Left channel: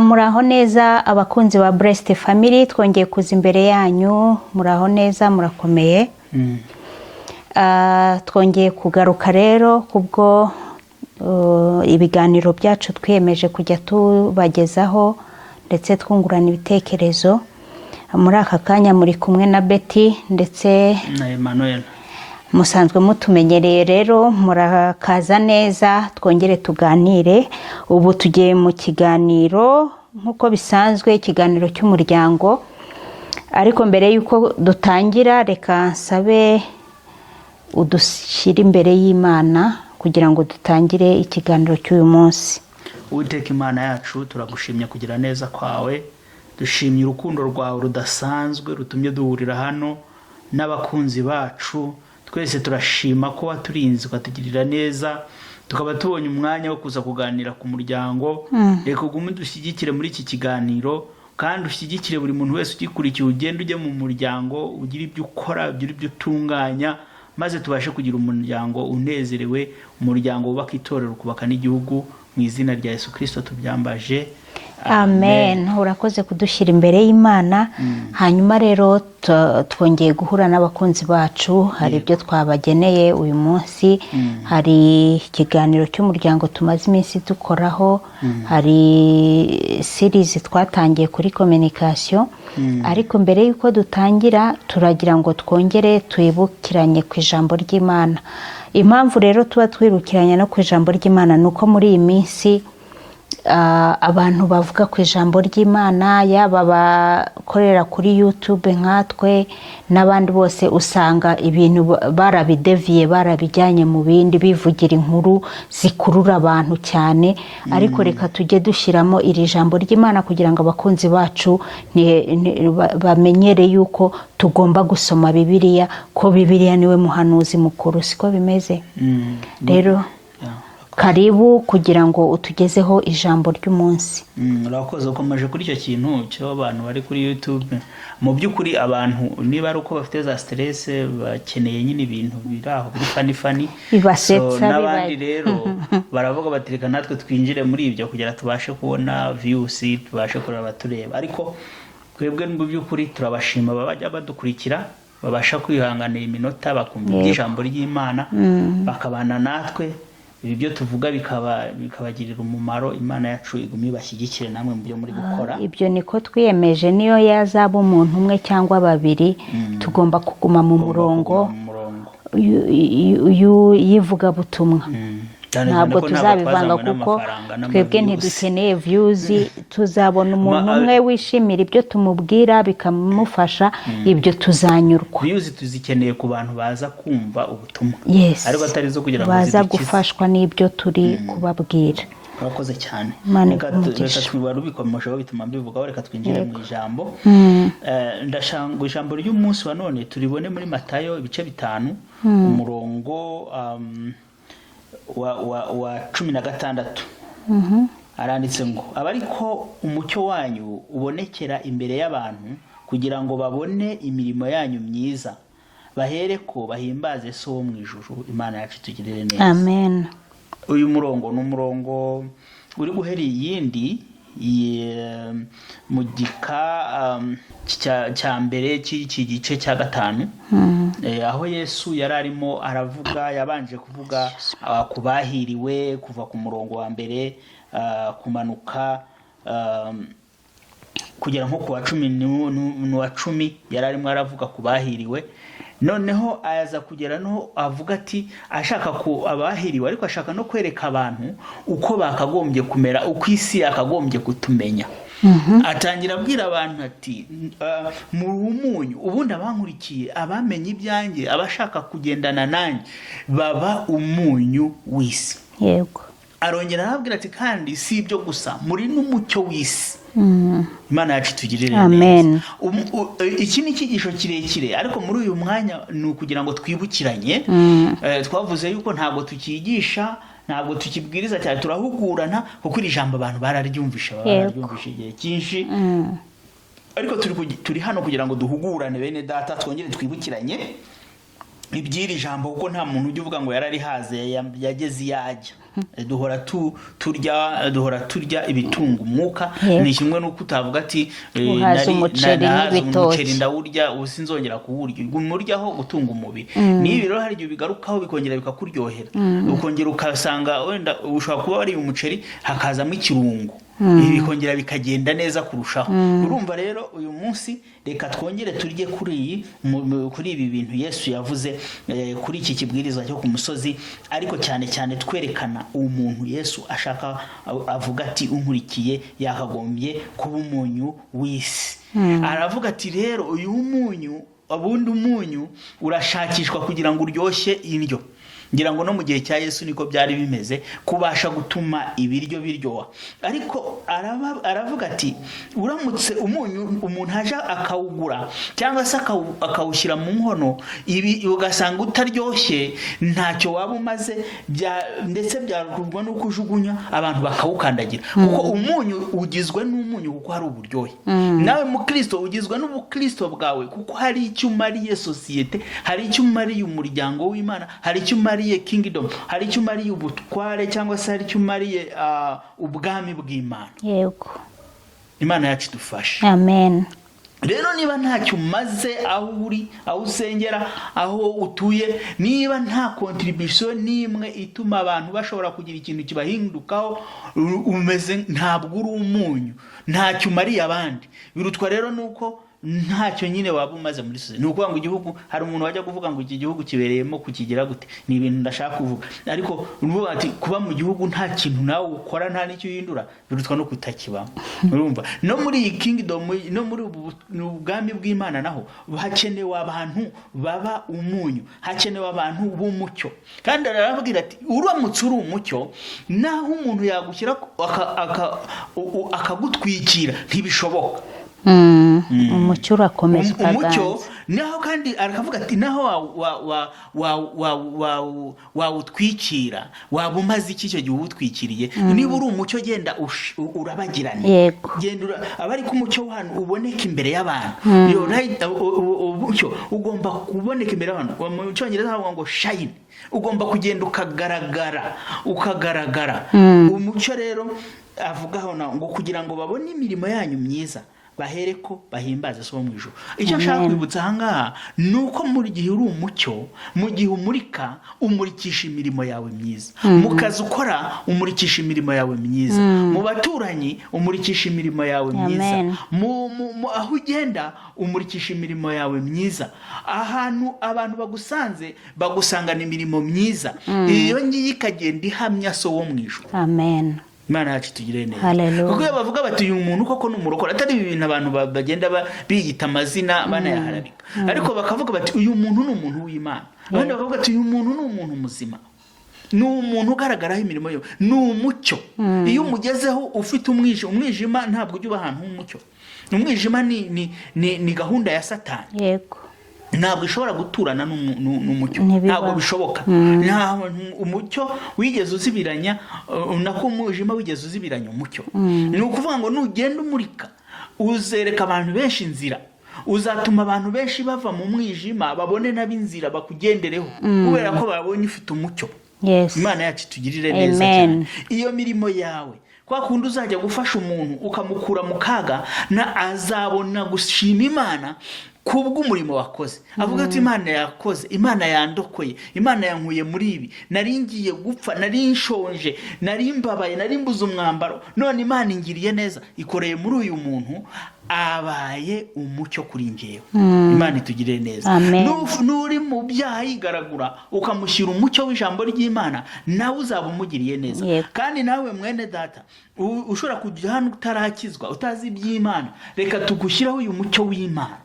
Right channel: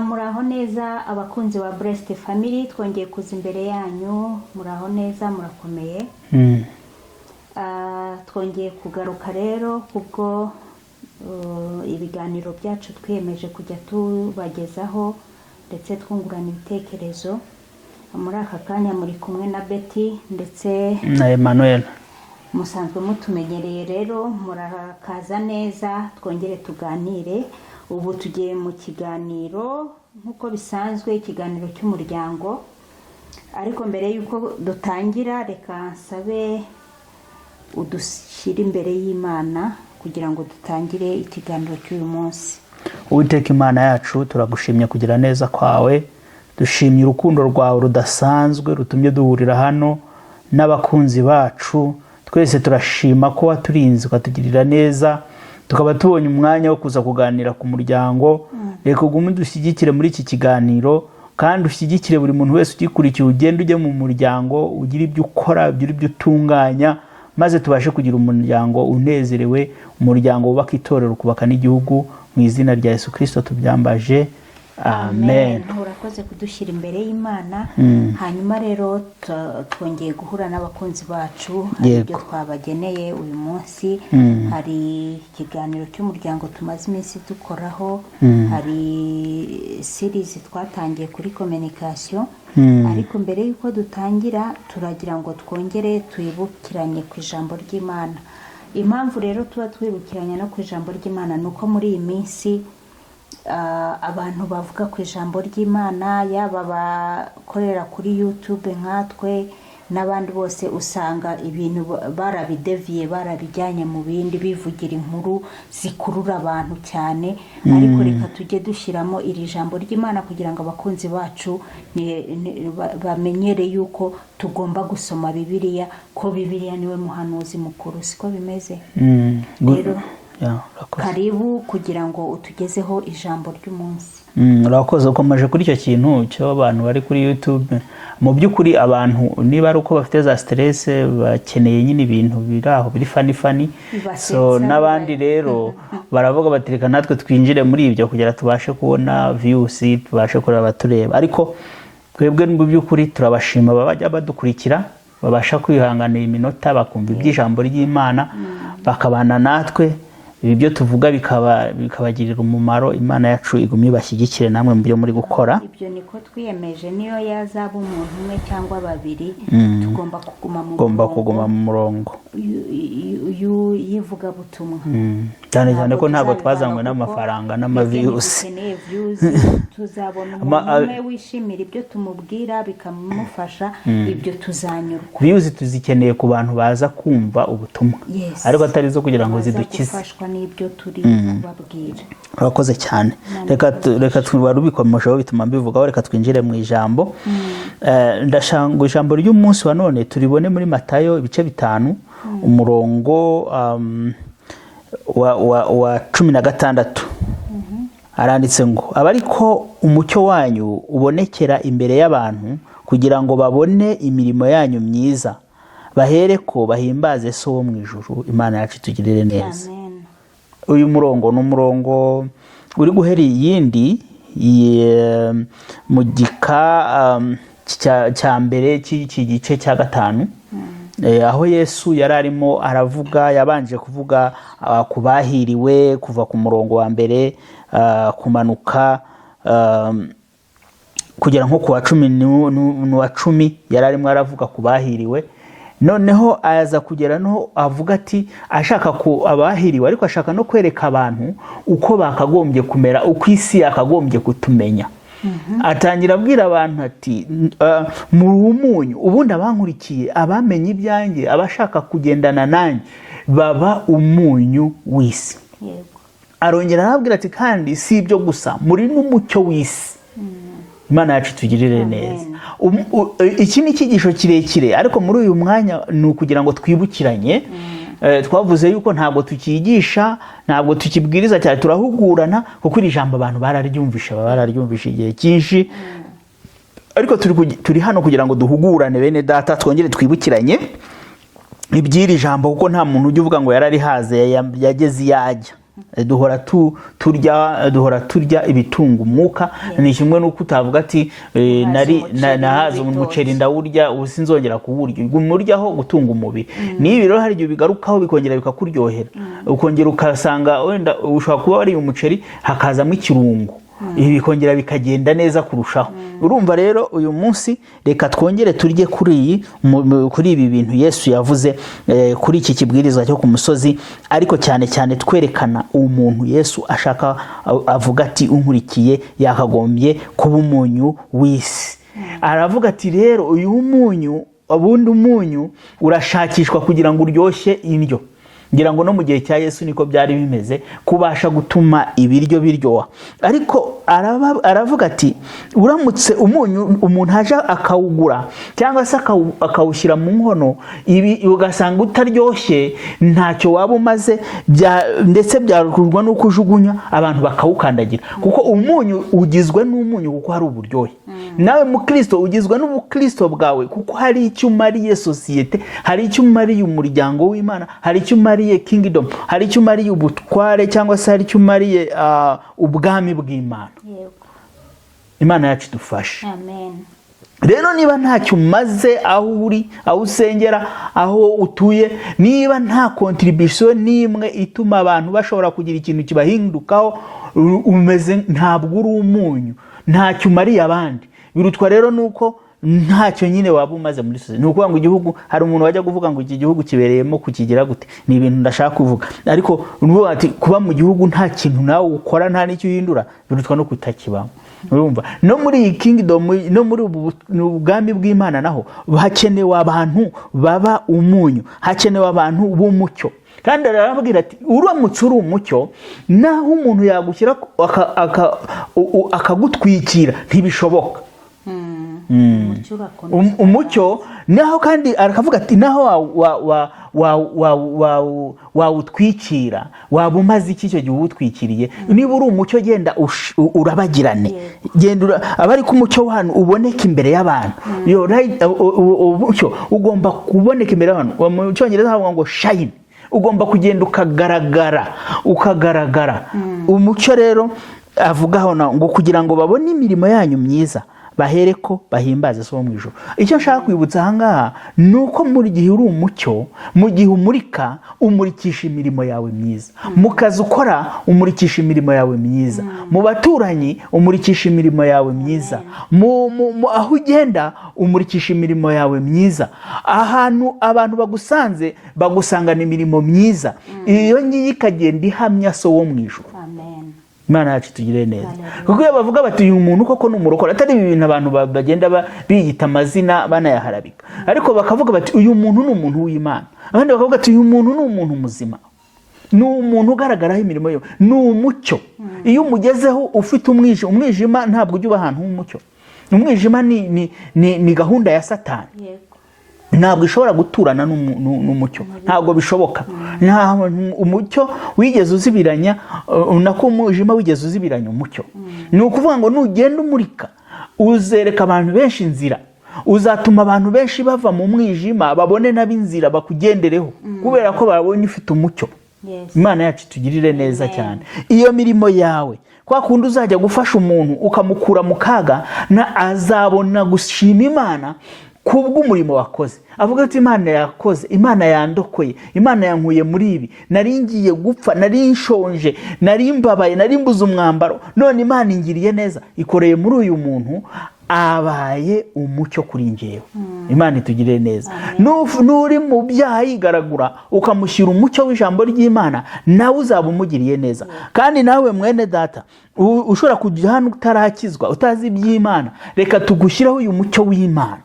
Muraho neza abakunzi ba Blessed Family, twongeye kuza imbere yanyu. Muraho neza, murakomeye. Twongeye kugaruka rero kubwo ibiganiro byacu twiyemeje kujya tubagezaho ndetse twungurana ibitekerezo. Muri aka kanya muri kumwe na Betty ndetse na Emmanuel. Musanzwe mutumenyereye rero, murakaza neza twongere tuganire. Ubu tugiye mu kiganiro nkuko bisanzwe, ikiganiro cy'umuryango. Ariko mbere yuko dutangira, reka nsabe udushyire imbere y'Imana kugira ngo dutangire ikiganiro cy'uyu munsi. Uwiteka Imana yacu, turagushimye kugira neza kwawe, dushimye urukundo rwawe rudasanzwe rutumye duhurira hano n'abakunzi bacu. Twese turashima ko waturinze ukatugirira neza, tukaba tubonye umwanya wo kuza kuganira ku muryango. Reka ugume dushyigikire muri iki kiganiro, kandi ushyigikire buri muntu wese ugikurikiye. Ugende ujye mu muryango, ugire ibyo ukora, ugire ibyo utunganya, maze tubashe kugira umuryango unezerewe, umuryango wubaka itorero, kubaka n'igihugu. Mu izina rya Yesu Kristo tubyambaje, amen. Urakoze kudushyira imbere y'Imana. Hanyuma rero twongeye guhura n'abakunzi bacu. Hari ibyo twabageneye uyu munsi. Hari ikiganiro cy'umuryango tumaze iminsi dukoraho. Hari series twatangiye kuri communication. Ariko mbere yuko dutangira, turagira ngo twongere twibukiranye ku ijambo ry'Imana. Impamvu rero tuba twirukiranye no ku ijambo ry'Imana nuko muri iyi minsi abantu bavuga ku ijambo ry'Imana, yaba bakorera kuri YouTube nkatwe n'abandi bose, usanga ibintu barabideviye, barabijyanye mu bindi, bivugira inkuru zikurura abantu cyane. Ariko reka tujye dushyiramo iri jambo ry'Imana kugira ngo abakunzi bacu bamenyere yuko tugomba gusoma Bibiliya, ko Bibiliya niwe muhanuzi mukuru. Siko bimeze? Rero karibu kugira ngo utugezeho ijambo ry'umunsi. Urakoze ukomeje kuri icyo kintu cyo abantu bari kuri YouTube. Mu by'ukuri abantu niba ari uko bafite za stress, bakeneye nyine ibintu biraho biri funny, bibasetsa. N'abandi rero baravuga bati reka natwe twinjire muri ibyo kugira tubashe kubona views, tubashe kureba abatureba. Ariko twebwe mu by'ukuri turabashima babajya badukurikira, babasha kwihanganira iminota bakumva iby'ijambo ry'Imana, bakabana natwe. Ibi byo tuvuga bikabagirira umumaro. Imana yacu igumye bashyigikire namwe mu byo muri gukora. Ibyo niko twiyemeje, niyo yazaba umuntu umwe cyangwa babiri, tugomba kuguma mu murongo yivuga butumwa. Ntabwo twazanywe n'amafaranga twebwe ntidukeneye views. Tuzabona umuntu umwe wishimira ibyo tumubwira bikamufasha, ibyo tuzanyurwa. Views tuzikeneye ku bantu baza kumva ubutumwa, ariko atari zo kugira ngo baza gufashwa n'ibyo turi kubabwira. Urakoze cyane. Reka twibikomejeho bituma mbivugaho. Reka twinjire mu ijambo. Ndashanga ijambo ry'umunsi wa none turibone muri Matayo ibice 5 umurongo wa 16. Aranditse ngo, abariko umucyo wanyu ubonekera imbere y'abantu kugira ngo babone imirimo yanyu myiza, bahereko bahimbaze So wo mu ijuru. Imana yacu tugirire neza, amen. Uyu murongo ni umurongo uri guhera iyindi mu gika cya mbere cy'iki gice cya 5, aho Yesu yari arimo aravuga. Yabanje kuvuga ku bahiriwe kuva ku murongo wa mbere kumanuka kugera nko ku wa 10 yari arimo aravuga ku bahiriwe. Noneho ayaza kugera no avuga ati ashaka ko abahiriwe, ariko ashaka no kwereka abantu uko bakagombye kumera, uko isi yakagombye kutumenya. Atangira abwira abantu ati muri umunyu, ubundi abankurikiye, abamenye ibyanjye, abashaka kugendana nanjye baba umunyu w'isi. Yego. Arongera arabwira ati kandi si ibyo gusa, muri n'umucyo w'isi. Imana yacu tugirire neza. Iki ni icyigisho kirekire, ariko muri uyu mwanya ni ukugira ngo twibukiranye. Twavuze yuko ntabwo tukigisha, ntabwo tukibwiriza cyane, turahugurana, kuko iri jambo abantu bararyumvisha igihe cyinshi. Ariko turi hano kugira ngo duhugurane bene data, twongere twibukiranye iby'iri jambo, kuko nta muntu ujya uvuga ngo yararihaze yageze iyajya. duhora turya ibitunga umwuka. Ni kimwe n'uko utavuga ati nahaze umuceri ndawurya ubu sinzongera kuwurya, umuryaho gutunga umubiri. Nibi rero hari igihe bigarukaho bikongera bikakuryohera, ukongera ukasanga wenda ushobora kuba wariye umuceri hakazamo ikirungo, ibi bikongera bikagenda neza kurushaho. Urumva rero uyu munsi reka twongere turye kuri ibi bintu Yesu yavuze kuri iki kibwirizwa cyo ku musozi, ariko cyane cyane twerekana umuntu Yesu ashaka, avuga ati unkurikiye yakagombye kuba umunyu w'isi. Aravuga ati rero uyu munyu, ubundi umunyu urashakishwa kugira ngo uryoshye indyo. Ngira ngo no mu gihe cya Yesu niko byari bimeze, kubasha gutuma ibiryo biryoha. Ariko aravuga ati uramutse umunyu umuntu haje akawugura cyangwa se akawushyira mu nkono, ibi ugasanga utaryoshye, ntacyo waba umaze, ndetse byarukurwa no kujugunya abantu bakawukandagira. Kuko umunyu ugizwe n'umunyu kuko hari uburyohe. Nawe mu Kristo ugizwe n'ubukristo bwawe kuko hari icyo umariye sosiyete, hari icyo umariye umuryango w'Imana, hari icyo umariye kingdom, hari icyo umariye ubutware, cyangwa se hari icyo umariye ubwami bw'Imana. Yego, Imana yacu idufashe. Amen. Rero niba ntacyo umaze aho uri, aho usengera, aho utuye, niba nta contribution n'imwe ituma abantu bashobora kugira ikintu kibahindukaho, umeze ntabwo uri umunyu, ntacyo umariye abandi. Birutwa rero nuko ntacyo nyine waba umaze muri sosiyete. Ni ukuvuga ngo igihugu, hari umuntu wajya kuvuga ngo iki gihugu kibereyemo kukigira gute, ni ibintu ndashaka kuvuga. Ariko nuvuga ati kuba mu gihugu nta kintu nawe ukora, nta n'icyo uhindura, birutwa no kutakibamo. Urumva, no muri iyi kingdom, no muri ubu ubwami bw'Imana naho hakenewe abantu baba umunyu, hakenewe abantu b'umucyo. Kandi arababwira ati uramutse uri umucyo, naho umuntu yagushyira akagutwikira ntibishoboka. Umucyo urakomeza. Umucyo naho kandi arakavuga ati naho wawutwikira, waba umaze iki icyo gihe uwutwikiriye? Niba uri umucyo, genda urabagirane, genda abari ku mucyo hano uboneka imbere y'abantu. Umucyo ugomba kuboneka imbere y'abantu. Mu Cyongereza havuga ngo shine, ugomba kugenda ukagaragara. Umucyo rero avugaho ngo kugira ngo babone imirimo yanyu myiza, bahereko bahimbaze so mu ijuru. Icyo nshaka kwibutsa ahangaha nuko muri gihe uri umucyo, mu gihe umurika, umurikisha imirimo yawe myiza. Mu kazi ukora umurikisha imirimo yawe myiza. Mu baturanyi umurikisha imirimo yawe myiza. Aho ugenda umurikisha imirimo yawe myiza. Ahantu abantu bagusanze bagusangana imirimo myiza, iyo ngiye ikagenda ihamya so wo mu ijuru. Amen. Imana yacu tugire neza. Kuko bavuga bati uyu muntu koko n'umurokore, atari ibintu abantu bagenda biyita amazina banayaharabika, ariko bakavuga bati uyu muntu ni umuntu w'Imana. Abandi bakavuga ati uyu muntu ni umuntu muzima, ni umuntu ugaragaraho imirimo ye, ni umucyo. Iyo umugezeho ufite umwijima ntabwo ujya uba ahantu h'umucyo. Umwijima ni gahunda ya Satani. Yego, ntabwo ishobora guturana n'umucyo, ntabwo bishoboka. Nta umucyo wigeze uzibiranya, nako umwijima wigeze uzibiranya umucyo. Ni ukuvuga ngo nugenda umurika, uzereka abantu benshi inzira, uzatuma abantu benshi bava mu mwijima babone n'ab'inzira bakugendereho, kubera ko babonye ufite umucyo. Imana yacu tugirire neza cyane. Iyo mirimo yawe, kwa kundi uzajya gufasha umuntu ukamukura mu kaga, na azabona gushima Imana kubw'umurimo wakoze. Avuga ati Imana yakoze, Imana yandokoye, Imana yankuye muri ibi, nari ngiye gupfa, nari nshonje, nari mbabaye, nari mbuze umwambaro, none Imana ingiriye neza, ikoreye muri uyu muntu, abaye umucyo kuri njyewe. Imana itugirire neza. Nuri mu byaha yigaragura, ukamushyira umucyo w'ijambo ry'Imana, nawe uzaba umugiriye neza. Kandi nawe mwene data, ushobora kujya hano utarakizwa, utazi iby'Imana, reka tugushyiraho uyu mucyo w'Imana,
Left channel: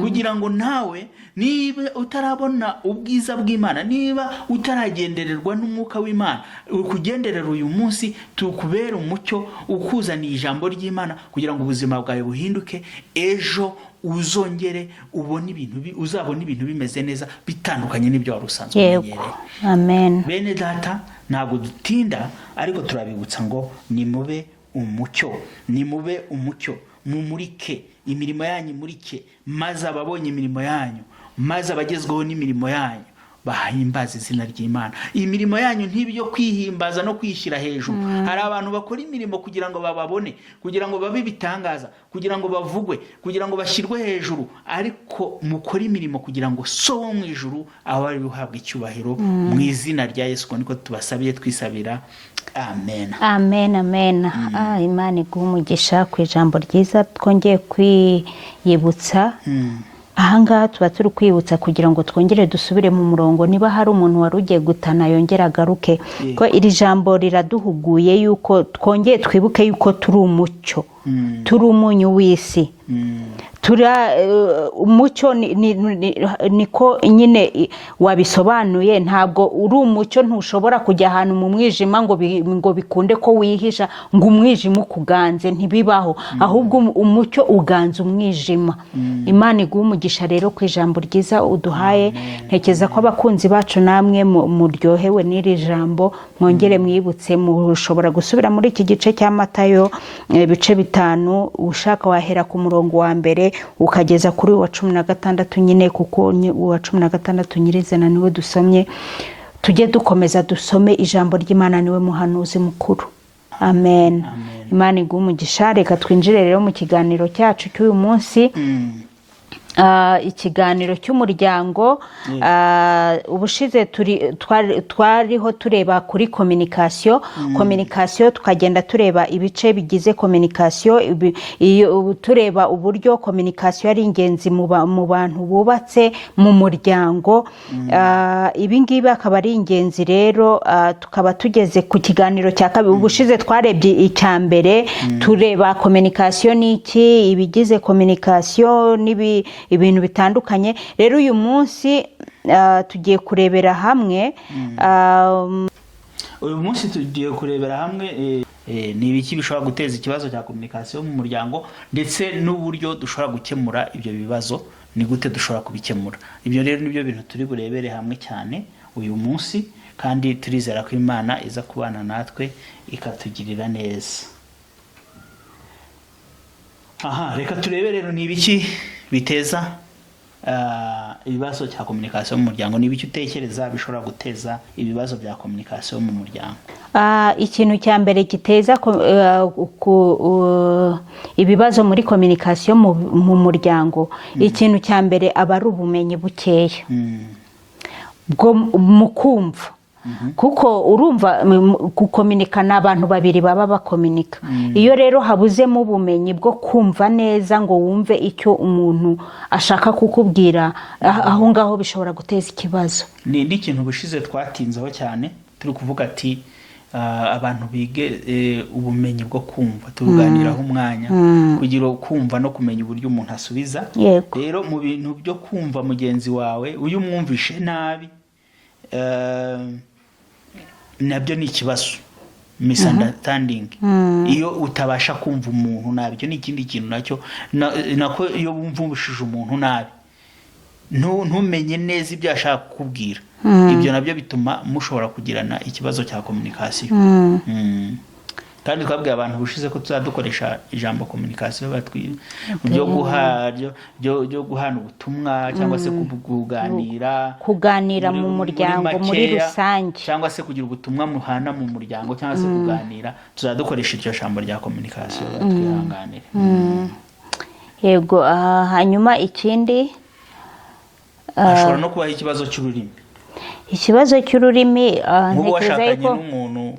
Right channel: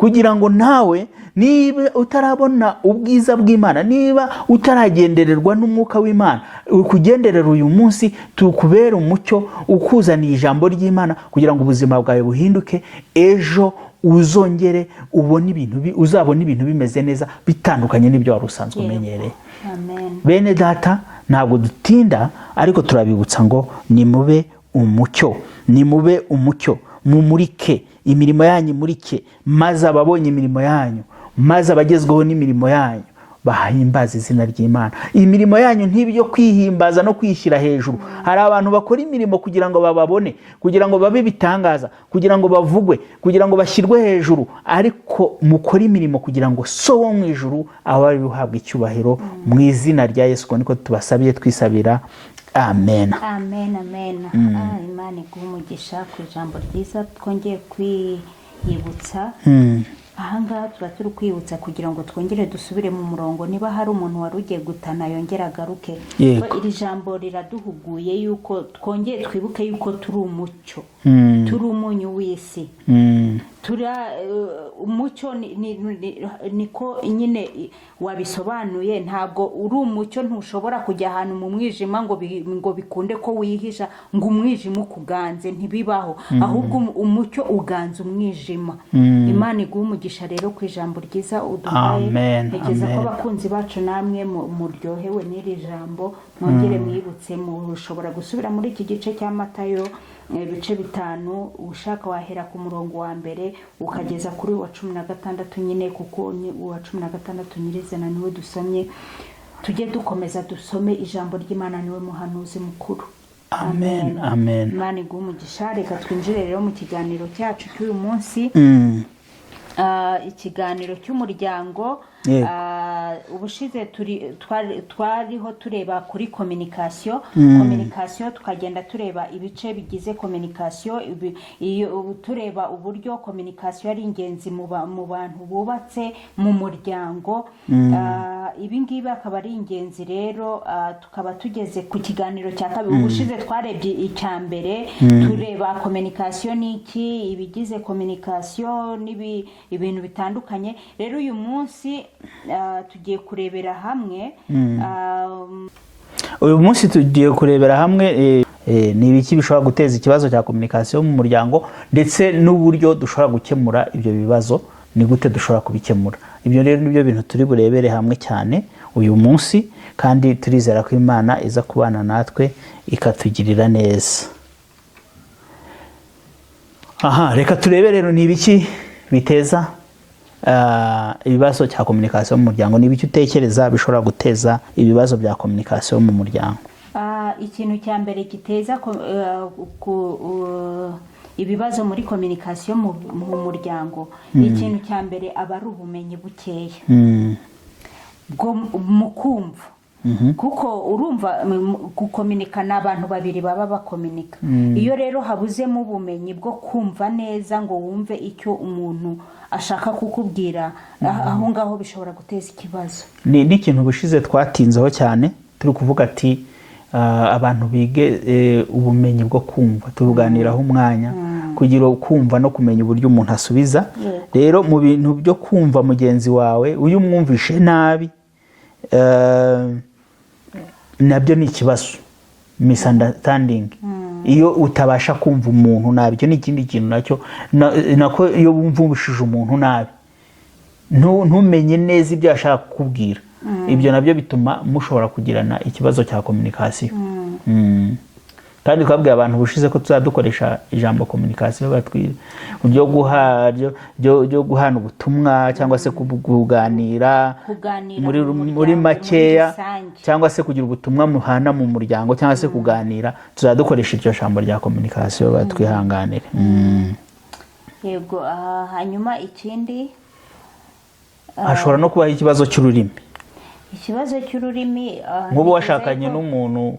kugira ngo nawe niba utarabona ubwiza bw'Imana, niba utaragendererwa n'umwuka w'Imana, ukugenderera uyu munsi, tukubera umucyo ukuzaniye ijambo ry'Imana, kugira ngo ubuzima bwawe buhinduke, ejo uzongere uzabona ibintu bimeze neza, bitandukanye n'ibyo wari usanzwe umenyereye. Amen. Bene data, ntabwo dutinda, ariko turabibutsa ngo nimube umucyo, nimube umucyo, mumurike imirimo yanyu, murike, maze ababonye imirimo yanyu, maze abagezweho n'imirimo yanyu bahimbaza izina ry'Imana. Imirimo yanyu ntibyo kwihimbaza no kwishyira hejuru. Hari abantu bakora imirimo kugira ngo bababone, kugira ngo babe bitangaza, kugira ngo bavugwe, kugira ngo bashyirwe hejuru, ariko mukora imirimo kugira ngo so wo mu ijuru abe uhabwa icyubahiro. Mu izina rya Yesu niko tubasabiye twisabira, amen. Amen, amen. Imana iguhe umugisha ku ijambo ryiza twongeye kwiyibutsa. Ahangaha tuba turi kwibutsa kugira ngo twongere dusubire mu murongo. Niba hari umuntu wari ugiye gutana yongera agaruke, ko iri jambo riraduhuguye yuko twongeye twibuke yuko turi umucyo, turi umunyu w'isi. Umucyo niko nyine wabisobanuye. Ntabwo uri umucyo, ntushobora kujya ahantu mu mwijima ngo bikunde ko wihisha, ngo umwijima ukuganze, ntibibaho. Ahubwo umucyo uganza umwijima. Imana iguhe umugisha rero ku ijambo ryiza uduhaye. Ntekereza ko abakunzi bacu namwe muryohewe n'iri jambo. Mwongere mwibutse, mushobora gusubira muri iki gice cya Matayo ibice 5, ushaka wahera ku murongo wa mbere ukageza kuri wa 16 nyine, kuko wa 16 nyirizina niwe dusomye. Tujye dukomeza dusome ijambo ry'Imana, niwe muhanuzi mukuru. Amen. Imana iguhe umugisha. Reka twinjire rero mu kiganiro cyacu cy'uyu munsi. Ikiganiro cy'umuryango. Ubushize twariho tureba kuri communication, tukagenda tureba ibice bigize communication, tureba uburyo communication ari ingenzi mu bantu bubatse mu muryango. Ibi ngibi akaba ari ingenzi rero. Tukaba tugeze ku kiganiro cya kabiri. Ubushize twarebye icya mbere, tureba communication n'iki, ibigize communication ibintu bitandukanye. Rero uyu munsi tugiye kurebera hamwe ni ibiki bishobora guteza ikibazo cya communication mu muryango, ndetse n'uburyo dushobora gukemura ibyo bibazo, ni gute dushobora kubikemura. Ibyo rero nibyo bintu turi burebere hamwe cyane uyu munsi, kandi turizera ko Imana iza kubana natwe ikatugirira neza. Reka turebe rero ni ibiki biteza ibibazo cya communication mu muryango. Ni ibiki utekereza bishobora guteza ibibazo bya communication mu muryango? Ikintu cya mbere giteza ibibazo muri communication mu muryango, ikintu cya mbere aba ari ubumenyi bukeya bwo mu kumva. Kuko urumva gukominikana, abantu babiri baba bakominika. Iyo rero habuzemo ubumenyi bwo kumva neza ngo wumve icyo umuntu ashaka kukubwira, aho ngaho bishobora guteza ikibazo. Ni ikintu bushize twatinzeho cyane, turi kuvuga ati abantu bige ubumenyi bwo kumva. Tuganiraho umwanya kugira kumva no kumenya uburyo umuntu asubiza. Rero mu bintu byo kumva mugenzi wawe, uyu mwumvishe nabi, nabyo ni ikibazo, misunderstanding. Iyo utabasha kumva umuntu nabi, cyo ni ikindi kintu nacyo. Nako iyo wumvishije umuntu nabi, ntumenye neza ibyo ashaka kukubwira, ibyo nabyo bituma mushobora kugirana ikibazo cya communication. Kandi twabwiye abantu bushize ko tuzadukoresha ijambo communication byo guhana ubutumwa, cyangwa se kuganira mu muryango muri rusange, cyangwa se kugira ubutumwa muhana mu muryango, cyangwa se kuganira. Tuzadukoresha iryo jambo rya communication, batwihanganire. Yego. Hanyuma ikindi, hashobora no kubaho ikibazo cy'ururimi. Ikibazo cy'ururimi, nk'ubu washakanye n'umuntu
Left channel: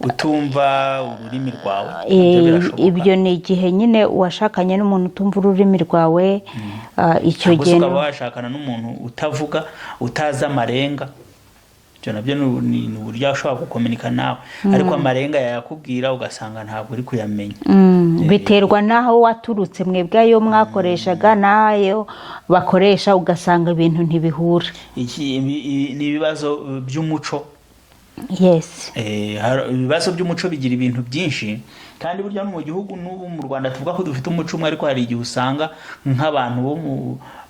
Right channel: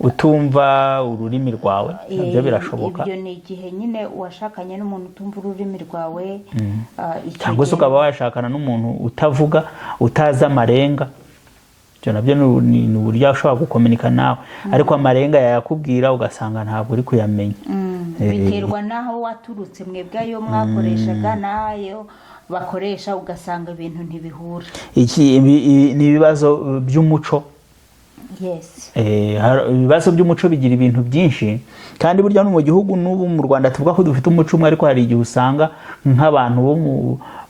utumva ururimi rwawe, ibyo birashoboka. Ibyo ni igihe nyine washakanye n'umuntu utumva ururimi rwawe. Icyo gihe ukaba washakana n'umuntu utavuga, utazi amarenga. Ibyo nabyo ni uburyo ushobora gukominika nawe, ariko amarenga yayakubwira ugasanga ntabwo uri kuyamenya. Biterwa n'aho waturutse, mwebwe ayo mwakoreshaga n'ayo bakoresha, ugasanga ibintu ntibihura. Ni ibibazo by'umuco. Ibibazo by'umuco bigira ibintu byinshi, kandi burya no mu gihugu n'ubu mu Rwanda tuvuga ko dufite umuco umwe, ariko hari igihe usanga nk'abantu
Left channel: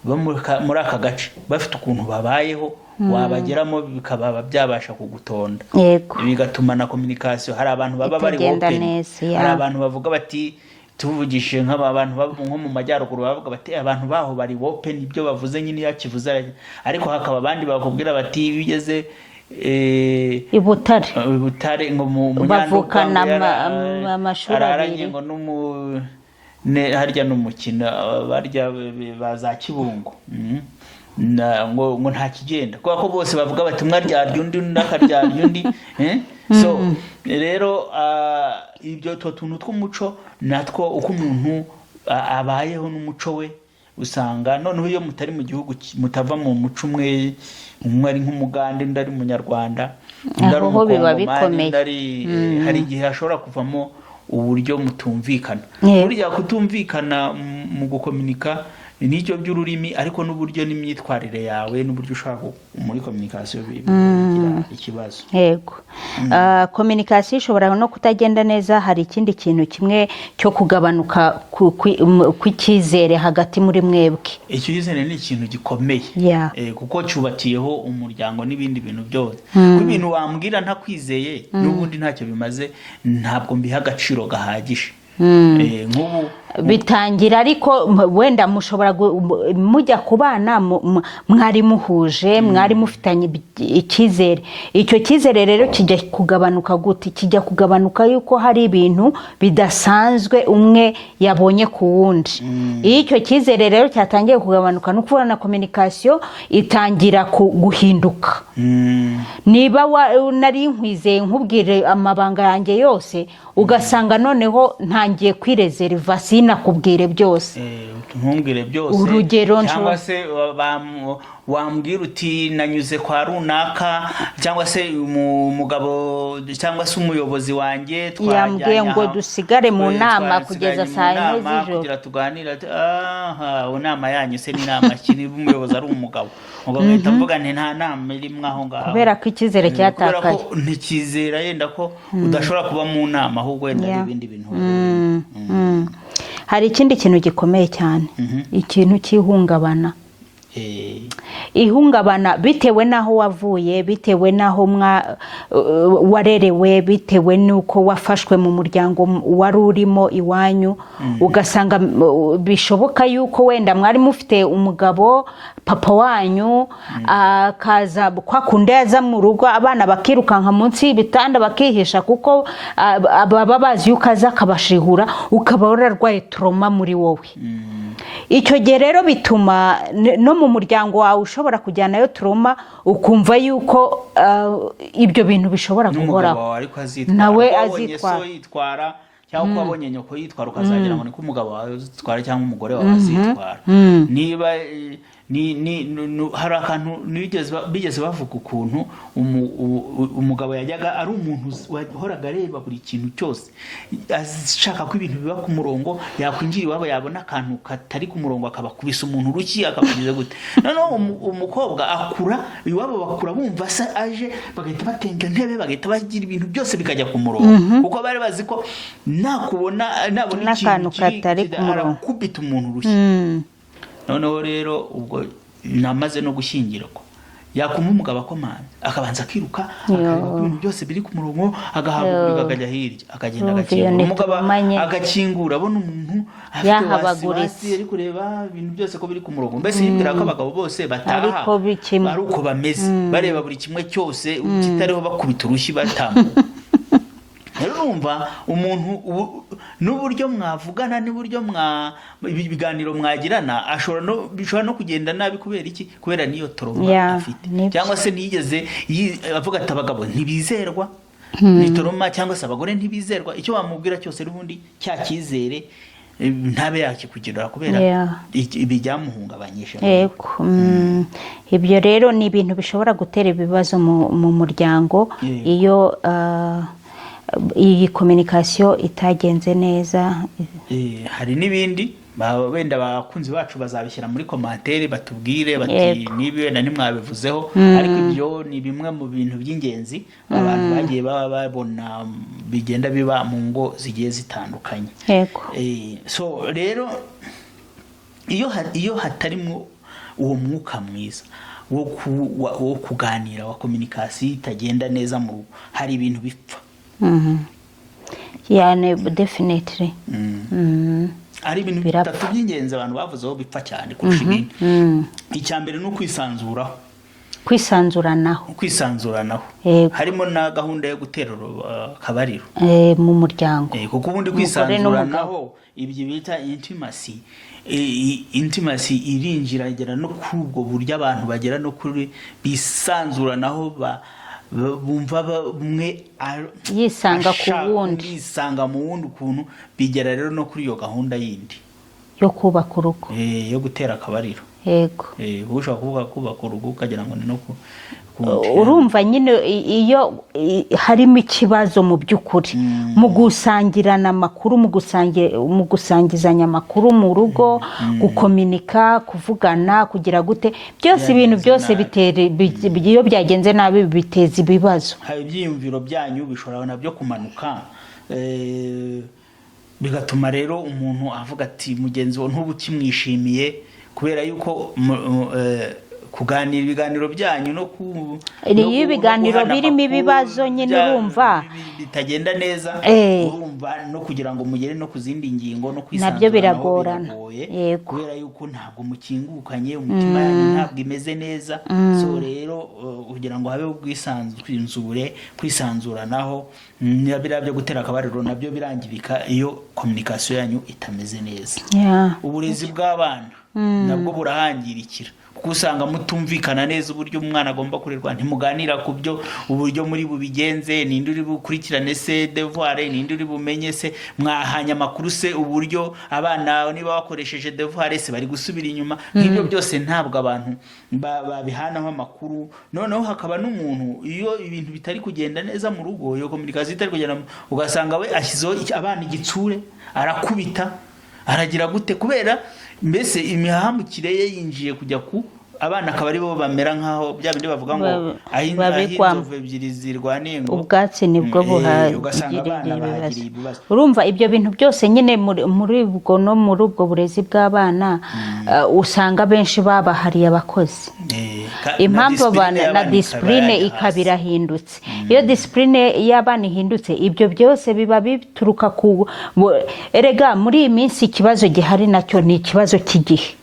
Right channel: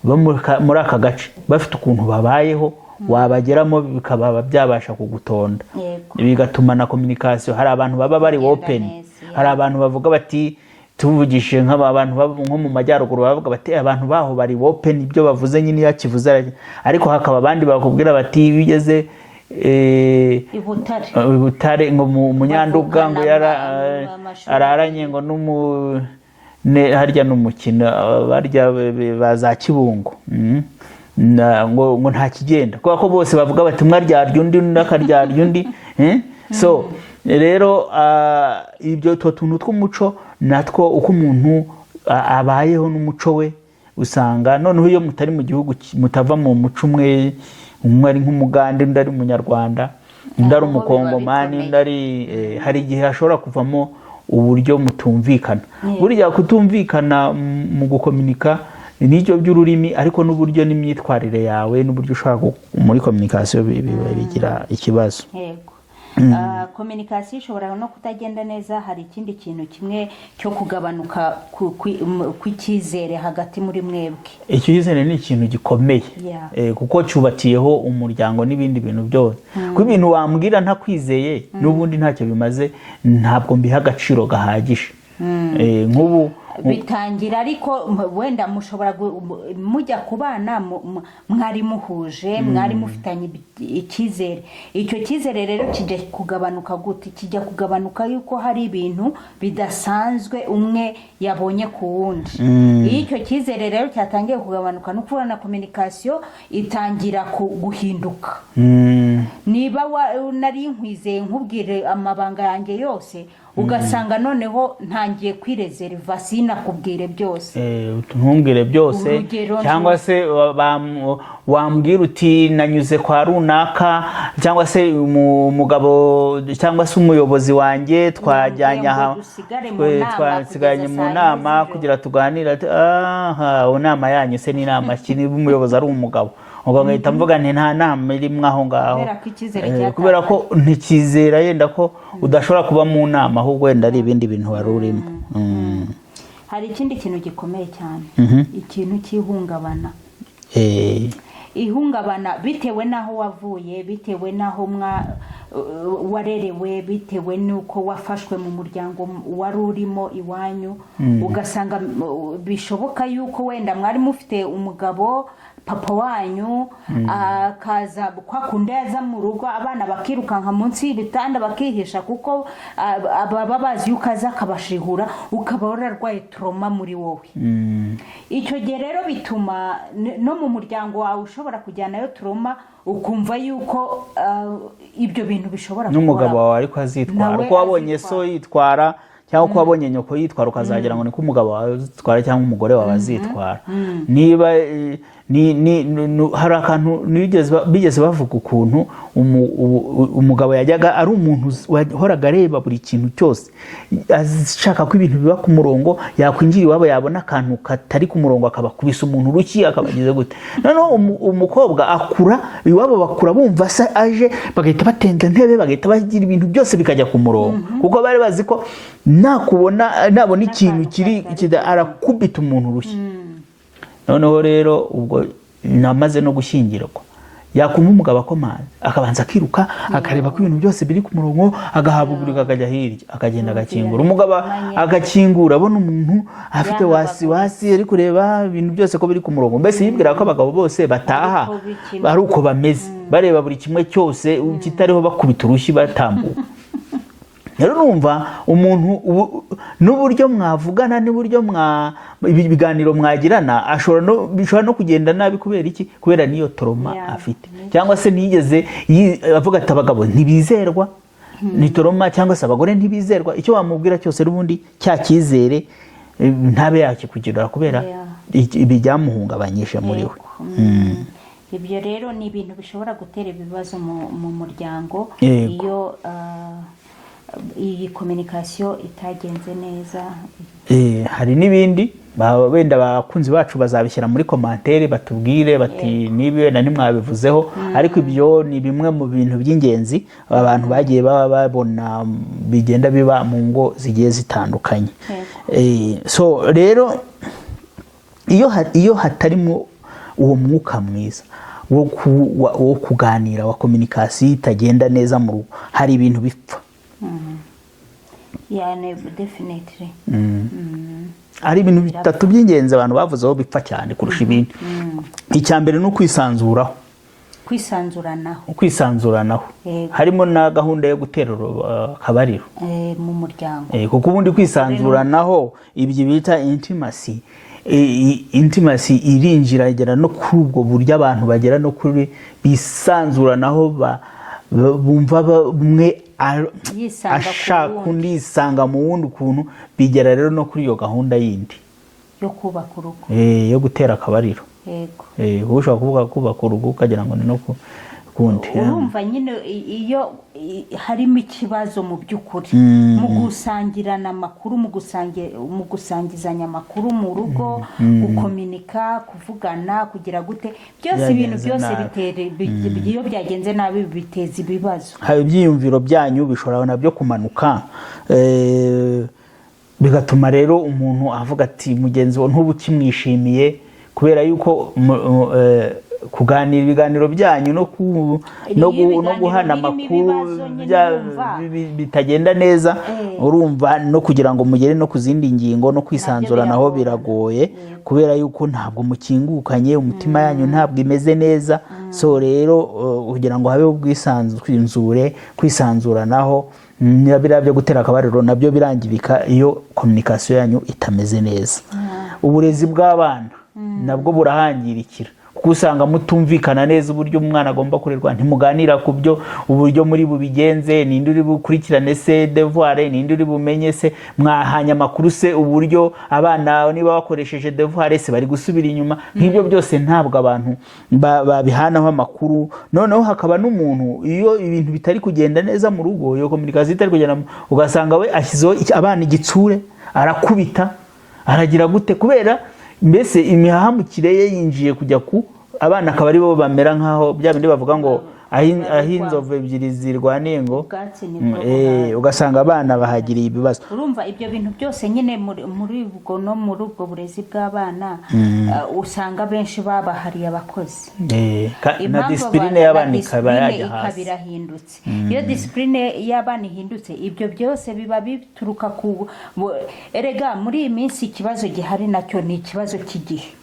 bo muri aka gace bafite ukuntu babayeho, wabageramo bikaba byabasha kugutonda, bigatuma na communication. Hari abantu baba bari open, hari abantu bavuga bati tuvugishije nk'abantu nko mu majyaruguru bavuga bati abantu baho bari open, ibyo bavuze nyine yakivuze, ariko hakaba abandi bakubwira bati bigeze i Butare ngo Munyanduga araranye ngo harya n'umukino barya baza Kibungo ngo nta kigenda, kuko ko bose bavuga bati umwe aryarya undi n'akaryarya undi. So rero ibyo tuntu tw'umuco natwo uko umuntu abayeho n'umuco we usanga noneho iyo mutari mu gihugu mutava mu muco umwe ari nk'umugande undi ari umunyarwanda undi ari umukongomani hari igihe hashobora kuvamo uburyo mutumvikana. Burya kutumvikana mu gukominika n'icyo by'ururimi, ariko n'uburyo n'imyitwarire yawe n'uburyo ushaka muri communication bigira ikibazo. Yego. Communication ishobora no kutagenda neza. Hari ikindi kintu kimwe cyo kugabanuka kw'icyizere hagati muri mwebwe. Icyizere ni ikintu gikomeye, kuko cyubatiyeho umuryango n'ibindi bintu byose. Kuko ibintu wambwira ntakwizeye n'ubundi ntacyo bimaze, ntabwo mbiha agaciro gahagije. Nk'ubu bitangira ariko wenda mushobora mujya kubana mwari muhuje, mwari mufitanye icyizere. Icyo cyizere rero kijya kugabanuka gute? Kijya kugabanuka yuko hari ibintu bidasanzwe umwe yabonye ku wundi. Iyo icyo cyizere rero cyatangiye kugabanuka, no kubona communication itangira guhinduka. Niba nari nkwizeye nkubwire amabanga yanjye yose, ugasanga noneho ntangiye kwirezerva sinakubwire byose. Ntumbwire byose. Urugero cyangwa se wambwira uti nanyuze kwa runaka, cyangwa se umugabo cyangwa se umuyobozi wanjye twajyanye ngo dusigare mu nama kugeza saa 4 z'ijoro kugira tuganira. Inama yanyu se ni inama ki niba umuyobozi ari umugabo? Ugahita mvuga nti nta nama irimo aho ngaho, kubera ko icyizere cyatakaye, kubera ko ntikizera yenda ko udashobora kuba mu nama, ahubwo wenda ari ibindi bintu wari urimo. Hari ikindi kintu gikomeye cyane, ikintu cy'ihungabana. Ihungabana bitewe naho wavuye, bitewe naho warerewe, bitewe nuko wafashwe mu muryango wari urimo iwanyu. Ugasanga bishoboka yuko wenda mwari mufite umugabo, papa wanyu akaza kwa kundi yaza mu rugo, abana bakirukanka munsi y'ibitanda bakihisha, kuko baba bazi yuko aza akabashihura, ukaba wararwaye trauma muri wowe. Icyo gihe rero bituma no mu muryango wawe ushobora kujyanayo trauma, ukumva yuko ibyo bintu bishobora gukora. N'umugabo wawe ariko azitwara, ko wabonye so yitwara cyangwa ko wabonye nyoko yitwara, ukazagira ngo ni ko umugabo wawe azitwara cyangwa umugore wawe azitwara. Niba hari akantu bigeze bavuga ukuntu umugabo yajyaga ari umuntu wahoraga areba buri kintu cyose, ashaka ko ibintu biba ku murongo, yakwinjira iwabo yabona akantu katari ku murongo akabakubisa umuntu uruki akakugize gute. Noneho umukobwa akura iwabo, bakura bumva se aje, bagahita batenga intebe, bagahita bagira ibintu byose bikajya ku murongo, kuko bari bazi ko nabona ikintu kiri arakubita umuntu uruki. Noneho rero ubwo namaze no gushyingirwa, yakumva umugabo akomanze akabanza akiruka akareba ko ibintu byose biri ku murongo, agahaguruka akajya hirya, akagenda agakingura. Umugabo agakingura abona umuntu afite wasi ari kureba ibintu byose ko biri ku murongo. Mbese yibwira ko abagabo bose bataha ari uko bameze, bareba buri kimwe cyose kitariho bakubita urushyi batambuka. Rero urumva umuntu n'uburyo mwavugana n'uburyo ibiganiro mwagirana bishobora no kugenda nabi. Kubera iki? Kubera niyo trauma afite, cyangwa se nigeze avuga ati abagabo ntibizerwa, ni trauma, cyangwa se abagore ntibizerwa. Icyo wamubwira cyose n'ubundi cya cyizere ntabe yakikugirira, kubera ibi byamuhungabanyije muri we. Ibyo rero ni ibintu bishobora gutera ibibazo mu muryango iyo iyi communication itagenze neza. Hari n'ibindi wenda abakunzi bacu bazabishyira muri commentaire batubwire bati nibi wenda nimwabivuzeho, ariko ibyo ni bimwe mu bintu by'ingenzi abantu bagiye babona bigenda biba mu ngo zigiye zitandukanye. So rero iyo hatarimo uwo mwuka mwiza wo kuganira, wa communication itagenda neza mu rugo, hari ibintu bipfa. yani definitely. ari ibintu bitatu by'ingenzi abantu bavuzeho bipfa cyane kurusha ibindi. Icya mbere ni ukwisanzuraho, kwisanzuranaho harimo na gahunda yo guterura akabariro mu muryango, kuko ubundi kwisanzuranaho ibyo bita intimacy irinjira igera no kuri ubwo buryo abantu bagera no kuri bisanzuranaho bumva umwe yisanga mu wundi ukuntu, bigera rero no kuri iyo gahunda yindi yo kubaka urugo, yo gutera akabariro. Yego, ushobora kuvuga kubaka urugo ukagira ngo ni no urumva nyine iyo harimo ikibazo mu by'ukuri mu gusangirana amakuru, mu gusangizanya amakuru mu rugo, gukominika, kuvugana, kugira gute, byose ibintu byose iyo byagenze nabi biteza ibibazo. Hari ibyiyumviro byanyu bishobora nabyo kumanuka, bigatuma rero umuntu avuga ati mugenzi we ntubu kimwishimiye, kubera yuko kuganira ibiganiro byanyu no ibiganiro birimo ibibazo nyine urumva bitagenda neza, urumva no kugira ngo mugere no ku zindi ngingo no kwisanzuranaho biragoye, kubera yuko ntabwo mukingukanye, umutima yanyu ntabwo imeze neza. So rero kugira ngo habe ubwisanzure, kwisanzuranaho, biriya byo gutera akabariro nabyo birangirika iyo communication yanyu itameze neza. Uburezi bw'abana nabwo burahangirikira, kuko usanga mutumvikana neza uburyo umwana agomba kurerwa, ntimuganira ku byo uburyo muri bubigenze, ninde uri bukurikirane se devoir, ninde uri bumenye se, mwahanya amakuru se uburyo abana niba bakoresheje devoir se bari gusubira inyuma. Nk'ibyo byose ntabwo abantu babihanaho amakuru. Noneho hakaba n'umuntu iyo ibintu bitari kugenda neza mu rugo, iyo communication itari kugenda, ugasanga we ashyizeho abana igitsure, arakubita, aragira gute, kubera mbese imihahamukire ye yinjiye kujya ku abana, akaba ari bo bamera nkaho bya bindi bavuga ngo ahinzove ebyiri zirwaniye ngo ubwatsi nibwo ugasanga abana bahagiriye ibibazo. Urumva ibyo bintu byose nyine muri ubwo no muri ubwo burezi bw'abana usanga benshi babahariye abakozi. Impamvu abana na discipline ikabira hindutse, iyo discipline y'abana ihindutse, ibyo byose biba bituruka ku erega muri iyi minsi ikibazo gihari nacyo ni ikibazo cy'igihe.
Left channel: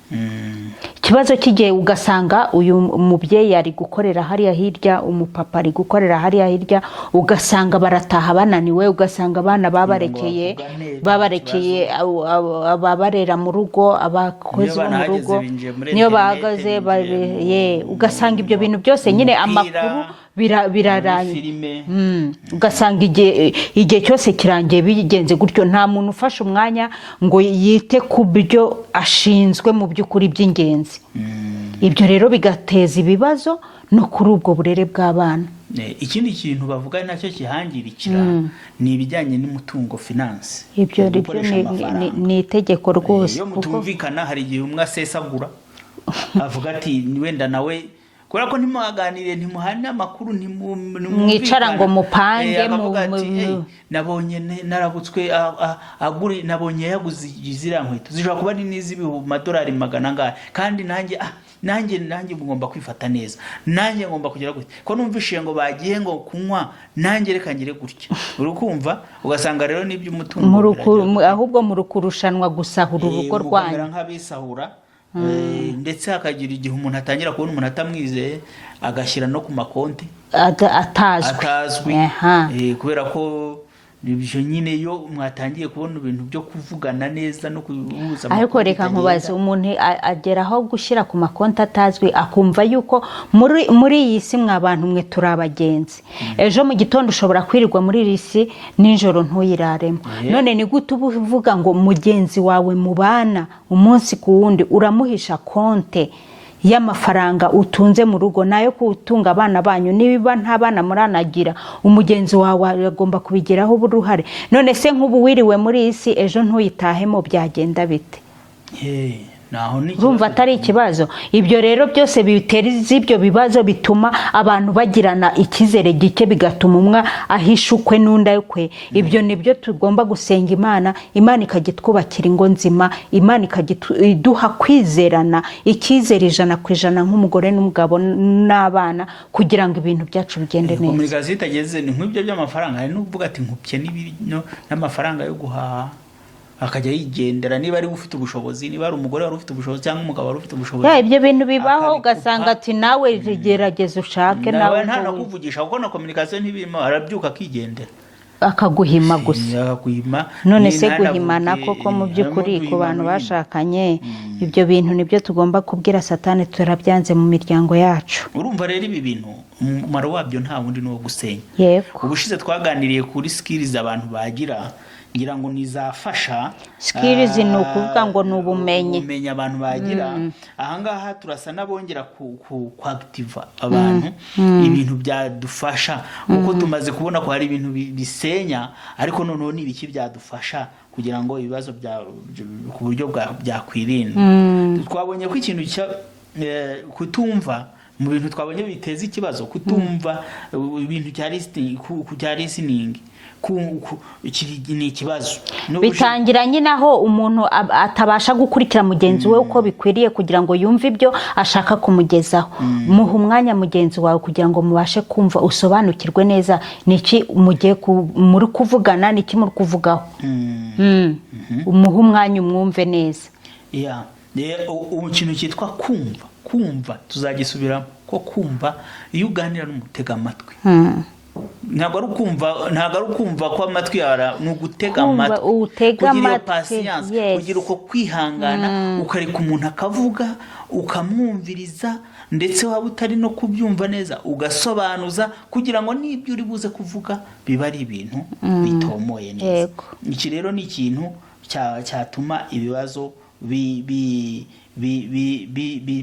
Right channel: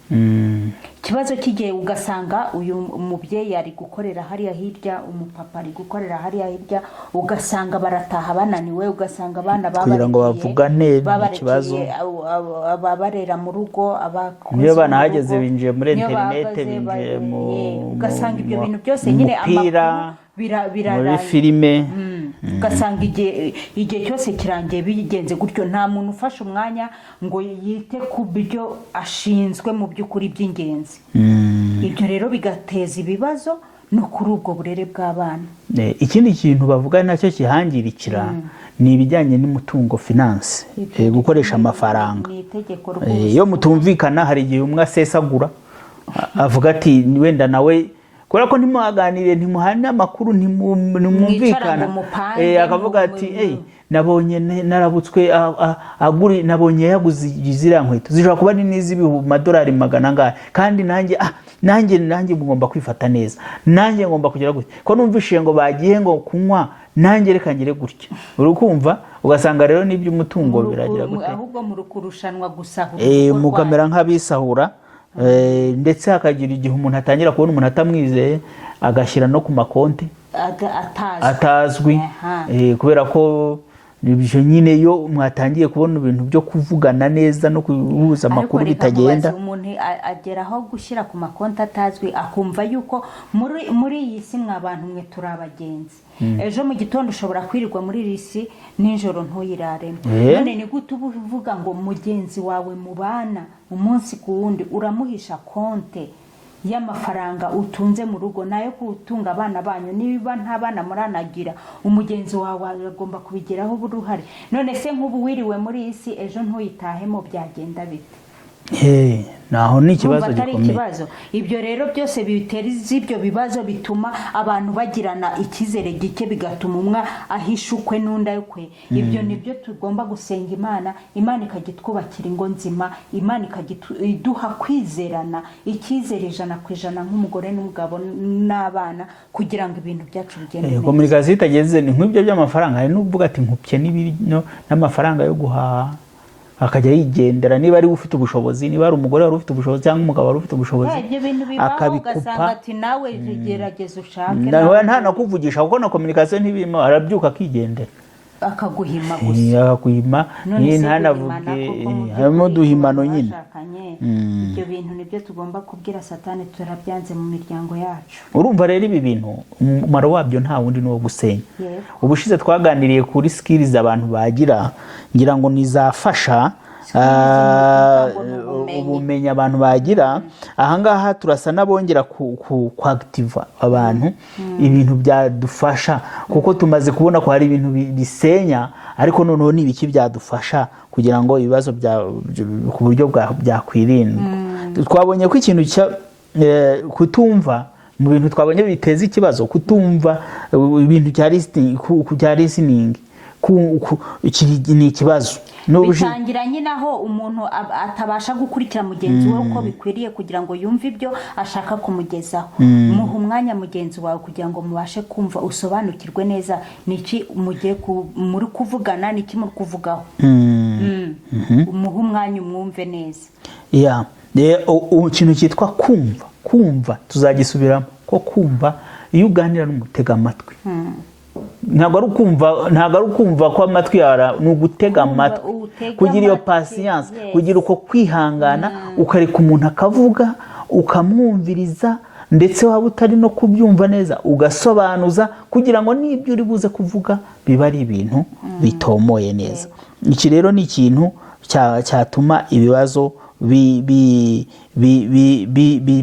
Ikibazo kigiye ugasanga uyu mubyeyi ari gukorera hariya hirya, umupapa ari gukorera hariya hirya, ugasanga barataha bananiwe, ugasanga abana babarekeye ababarera mu rugo, abakozi mu rugo niyo bahagaze, ugasanga ibyo bintu byose nyine amakuru birarangiye filime, ugasanga igihe cyose kirangiye bigenze gutyo, nta muntu ufashe umwanya ngo yite ku byo ashinzwe mu by'ukuri by'ingenzi. Ibyo rero bigateza ibibazo no kuri ubwo burere bw'abana. Ikindi kintu bavuga nacyo kihangirikira ni ibijyanye n'umutungo, finance, gukoresha amafaranga. Ni itegeko rwose, iyo mutumvikana hari igihe umwe asesagura avuga ati wenda nawe kubera ko ntimuhaganire, ntimuhane amakuru, mwicara ngo mupange, akavuga ati nabonye narabutswe nabonye yaguze ziriya nkweto zishobora kuba ni n'iz'amadolari 100 kandi nanjye ngomba kwifata neza, nanjye ngomba kugira gutya, ko numvishiye ngo bagiye ngo kunywa, nanjye reka ngire gutya. Urukumva, ugasanga rero n'ibyo umutungo ahubwo mu rukurushanwa gusahura urugo rwanyu, mukamera nk'abisahura. Ndetse hakagira igihe umuntu atangira kubona umuntu atamwizeye, agashyira no ku makonti atazwi, kubera ko ibyo nyine iyo mwatangiye kubona ibintu byo kuvugana neza no kuhuza amakuru bitagenda. Ariko umuntu ageraho gushyira ku makonti atazwi, akumva yuko muri iyi si mwabantu mwe turi abagenzi. Ejo mu gitondo ushobora kwirirwa muri iyi si, nijoro ntuyiraremo. None ni gute uvuga ngo mugenzi wawe mubana umunsi ku wundi uramuhisha konte y'amafaranga utunze mu rugo, nayo kutunga abana banyu, niba nta bana muranagira, umugenzi wawe agomba kubigeraho uruhare. None se nk'ubu wiriwe muri iyi si, ejo ntuyitahemo, byagenda bite? naho ni ikibazo urumva atari gikomeye. ikibazo. Ibyo rero byose bitera ibyo bibazo bituma abantu bagirana icyizere gike, bigatuma umwe ahisha ukwe n'undi ukwe. Ibyo nibyo tugomba gusenga Imana, Imana ikajya itwubakira ingo nzima, Imana ikajya iduha kwizerana, icyizere 100% nk'umugore n'umugabo n'abana, kugira ngo ibintu byacu bigende neza. Komunikasiyo itageze ni nk'ibyo by'amafaranga, hari n'uvuga ati nkupye n'amafaranga yo guhaha akajya yigendera, niba ari ufite ubushobozi, niba ari umugore wari ufite ubushobozi cyangwa umugabo wari ufite ubushobozi, ibyo bintu bibaho, ugasanga ati nawe gerageza ushake, nawe nta nakuvugisha kuko na komunikasiyo ntibirimo, arabyuka akigendera akaguhima gusa. akaguhima. None se guhimana koko mu by'ukuri ku bantu bashakanye, ibyo bintu nibyo tugomba kubwira Satani, turabyanze mu miryango yacu. Urumva rero ibi bintu umumaro wabyo nta wundi ni uwo gusenya. Yego, ubushize twaganiriye kuri skills abantu bagira, ngira ngo nizafasha. skills ni ukuvuga ngo ni ubumenyi abantu bagira. Ahangaha turasa nabongera kuactiva abantu ibintu byadufasha, kuko tumaze kubona ko hari ibintu bisenya, ariko noneho ni ibiki byadufasha kugira ngo ibibazo ku buryo byakwirinda. Twabonye ko ikintu kutumva mu bintu twabonye biteza ikibazo, kutumva ibintu cya listening ni ikibazo. Bitangira nyine aho umuntu atabasha gukurikira mugenzi we uko bikwiriye kugira ngo yumve ibyo ashaka kumugezaho. Muha umwanya mugenzi wawe kugira ngo mubashe kumva, usobanukirwe neza niki muri kuvugana, niki muri kuvugaho. Umuha umwanya umwumve neza. Ikintu cyitwa kumva tuzagisubiramo ko kumva iyo uganira n'umutega amatwi. Ntabwo ari ukumva ko amatwi yara, ni ugutega amatwi, kugira iyo patience, kugira uko kwihangana, ukareka umuntu akavuga ukamwumviriza, ndetse waba utari no kubyumva neza ugasobanuza, kugira ngo n'ibyo uri buze kuvuga biba ari ibintu bitomoye neza. Iki rero ni ikintu cyatuma ibibazo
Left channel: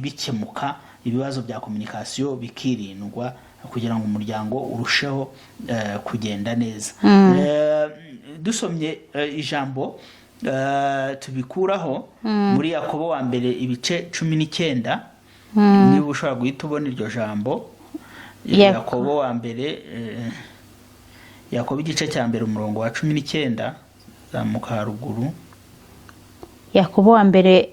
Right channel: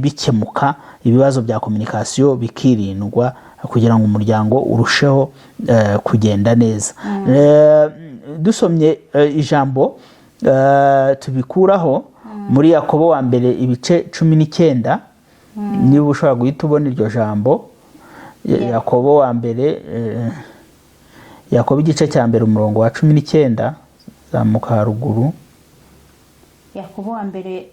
bikemuka, ibibazo bya komunikasiyo bikirindwa, kugira ngo umuryango urusheho kugenda neza. Dusomye ijambo tubikuraho muri Yakobo wa mbere ibice 19, niba ushobora guhita ubona iryo jambo. Yakobo wa mbere, Yakobo igice cya mbere umurongo wa 19, zamuka haruguru. Yakobo wa mbere,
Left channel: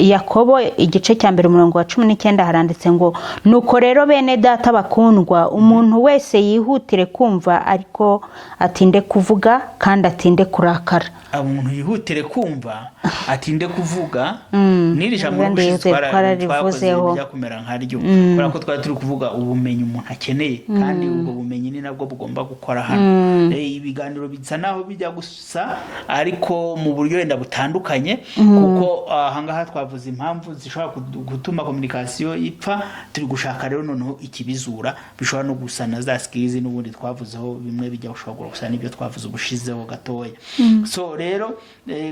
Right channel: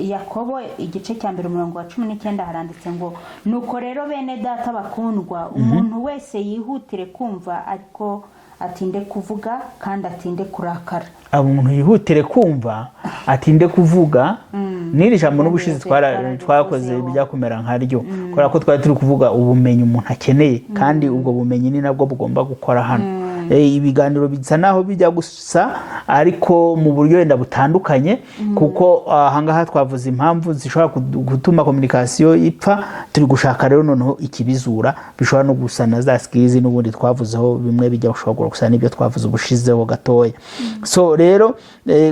Yakobo igice cya mbere umurongo wa 19 haranditse ngo, nuko rero bene data bakundwa, umuntu wese yihutire kumva, ariko atinde kuvuga kandi atinde kurakara. Umuntu yihutire kumva atinde kuvuga, n'iri jambo n'ubushize twakoze bijya kumera nkaryo, kubera ko twari turi kuvuga ubumenyi umuntu akeneye, kandi ubwo bumenyi ni nabwo bugomba gukora hano. Ibiganiro bisa naho bijya gusa, ariko mu buryo wenda butandukanye, kuko ahangaha twavuze impamvu zishobora gutuma komunikasiyo ipfa. Turi gushaka rero noneho ikibizura, bishobora no gusa na za skills n'ubundi twavuzeho, bimwe bijya gushobora gusa n'ibyo twavuze ubushizeho gatoya. So rero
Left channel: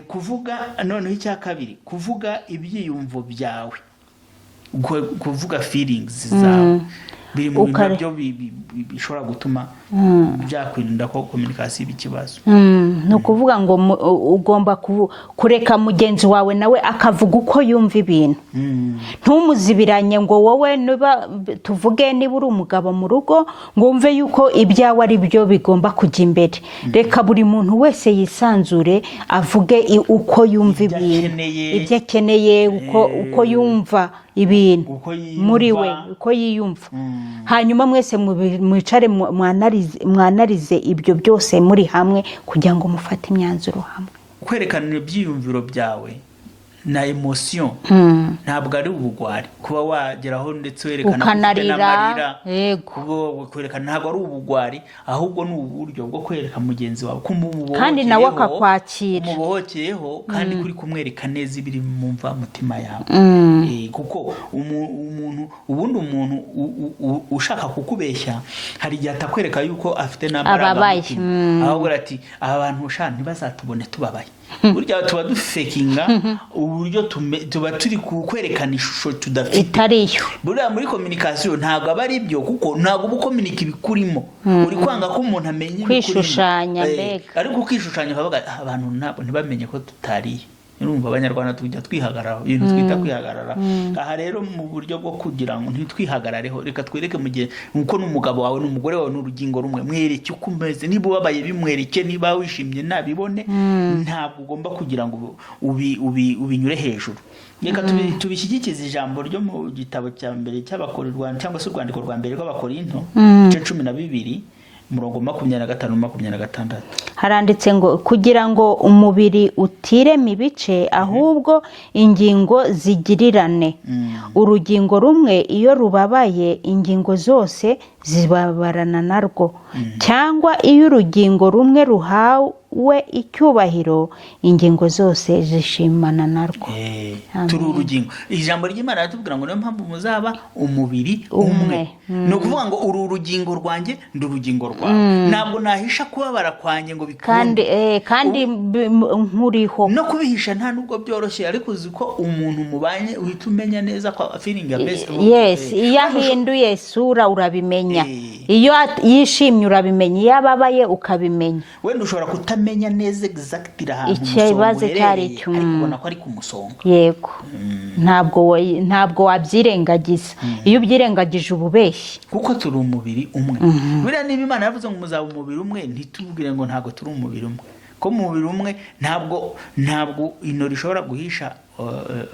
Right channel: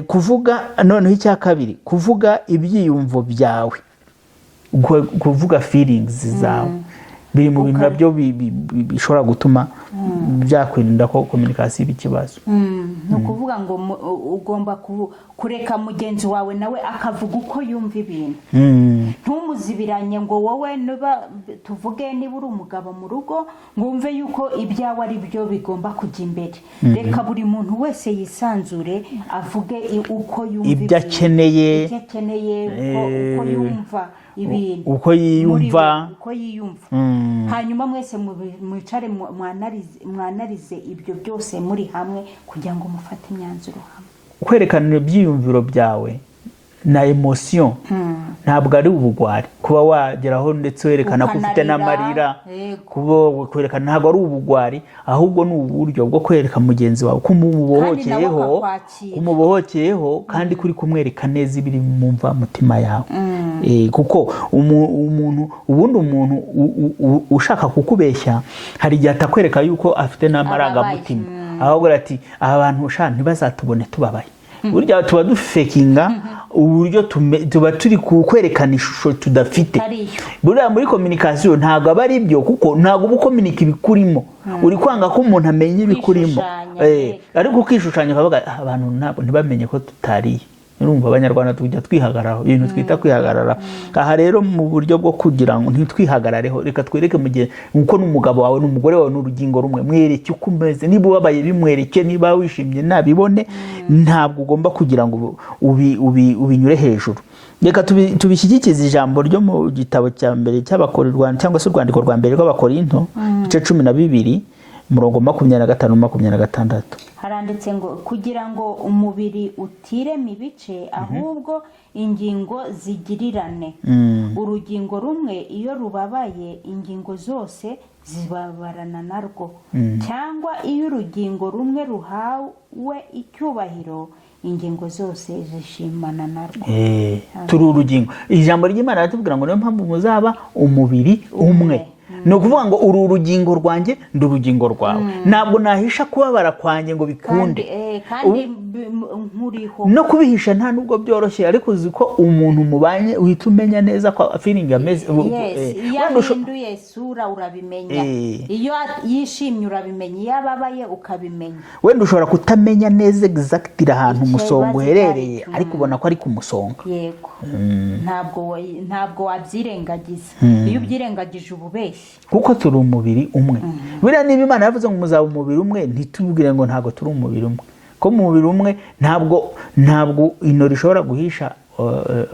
kuvuga noneho icya kabiri, kuvuga ibyiyumvo byawe, kuvuga feelings zawe, biri mu bintu nabyo bishobora gutuma byakwirinda ko komunikasiyo iba ikibazo. Ni ukuvuga ngo ugomba kureka mugenzi wawe nawe akavuga uko yumva ibintu. Ntumuzibiranye ngo wowe tuvuge niba uri umugabo mu rugo ngo wumve yuko ibyawe ari byo bigomba kujya imbere. Reka buri muntu wese yisanzure avuge uko yumva ibyo akeneye, uko yumva ibintu muri we, uko yiyumva. Hanyuma mwese mwicare mwanarize ibyo byose muri hamwe, kugira ngo mufate imyanzuro hamwe. Kwerekana ibyiyumviro byawe na emotion ntabwo ari ubugwari, kuba wageraho ndetse werekana ko ufite n'amarira, kuba kwerekana ntabwo ari ubugwari, ahubwo ni uburyo bwo kwereka mugenzi wawe ko umubohokeyeho, kandi kuri kumwereka neza ibiri mu mva mutima yawe. Kuko umuntu ushaka kukubeshya, hari igihe atakwereka yuko afite n'amarangamutima, ahubwo ati aba bantu ntibazatubone tubabaye. Burya tuba dufekinga uburyo tuba turi kwerekana ishusho tudafite. Burya muri komunikasiyo ntabwo aba ari byo, kuko ntabwo uba ukominika ibikurimo, uri kwanga ko umuntu amenya ibikurimo, ariko ukishushanya ukavuga abantu ntibamenye ko tutariye. urumva abanyarwanda tujya twihagararaho ibintu twita kwihagarara. Aha rero mu buryo bwo kugira ngo ntitwihagarareho, reka twereke mu gihe nkuko n'umugabo wawe n'umugore wawe n'urugingo rumwe, mwereke uko umeze, niba ubabaye bimwereke, niba wishimye nabibone, ntabwo ugomba kugira ngo ubinyure hejuru. Reka tubishyigikize ijambo ryo mu gitabo cya mbere cy'Abakorinto cyangwa se urwandiko rwa mbere rw'Abakorinto igice 12 umurongo 25-26 haranditse ngo kugira ngo umubiri utirema ibice, ahubwo ingingo zigirirane. Urugingo rumwe iyo rubabaye, ingingo zose zibabarana narwo, cyangwa iyo urugingo rumwe ruhawe icyubahiro, ingingo zose zishimana narwo. Turi urugingo. Ijambo ry'Imana ratubwira ngo niyo mpamvu muzaba umubiri umwe. No kuvuga ngo uru urugingo rwanjye ndi urugingo rwawe, ntabwo nahisha kubabara kwanjye ngo bikunde, kandi nkuriho no kubihisha nta nubwo byoroshye, ariko uzi ko umuntu mubanye uhita umenya neza ko feeling ameze. Iyo ahinduye isura urabimenya, iyo yishimye urabimenya, iyo ababaye ukabimenya. Wenda ushobora kutamenya neza exactly ahantu umusonga uherereye, ariko ubona ko ari ku musonga. Yego. Ntabwo wabyirengagiza. Iyo ubyirengagije ububeshyi, kuko turi umubiri umwe. Buriya niba Imana yavuze ngo muzaba umubiri umwe, ntitubwire ngo ntabwo turi umubiri umwe, ko mu mubiri umwe ntabwo ino rishobora guhisha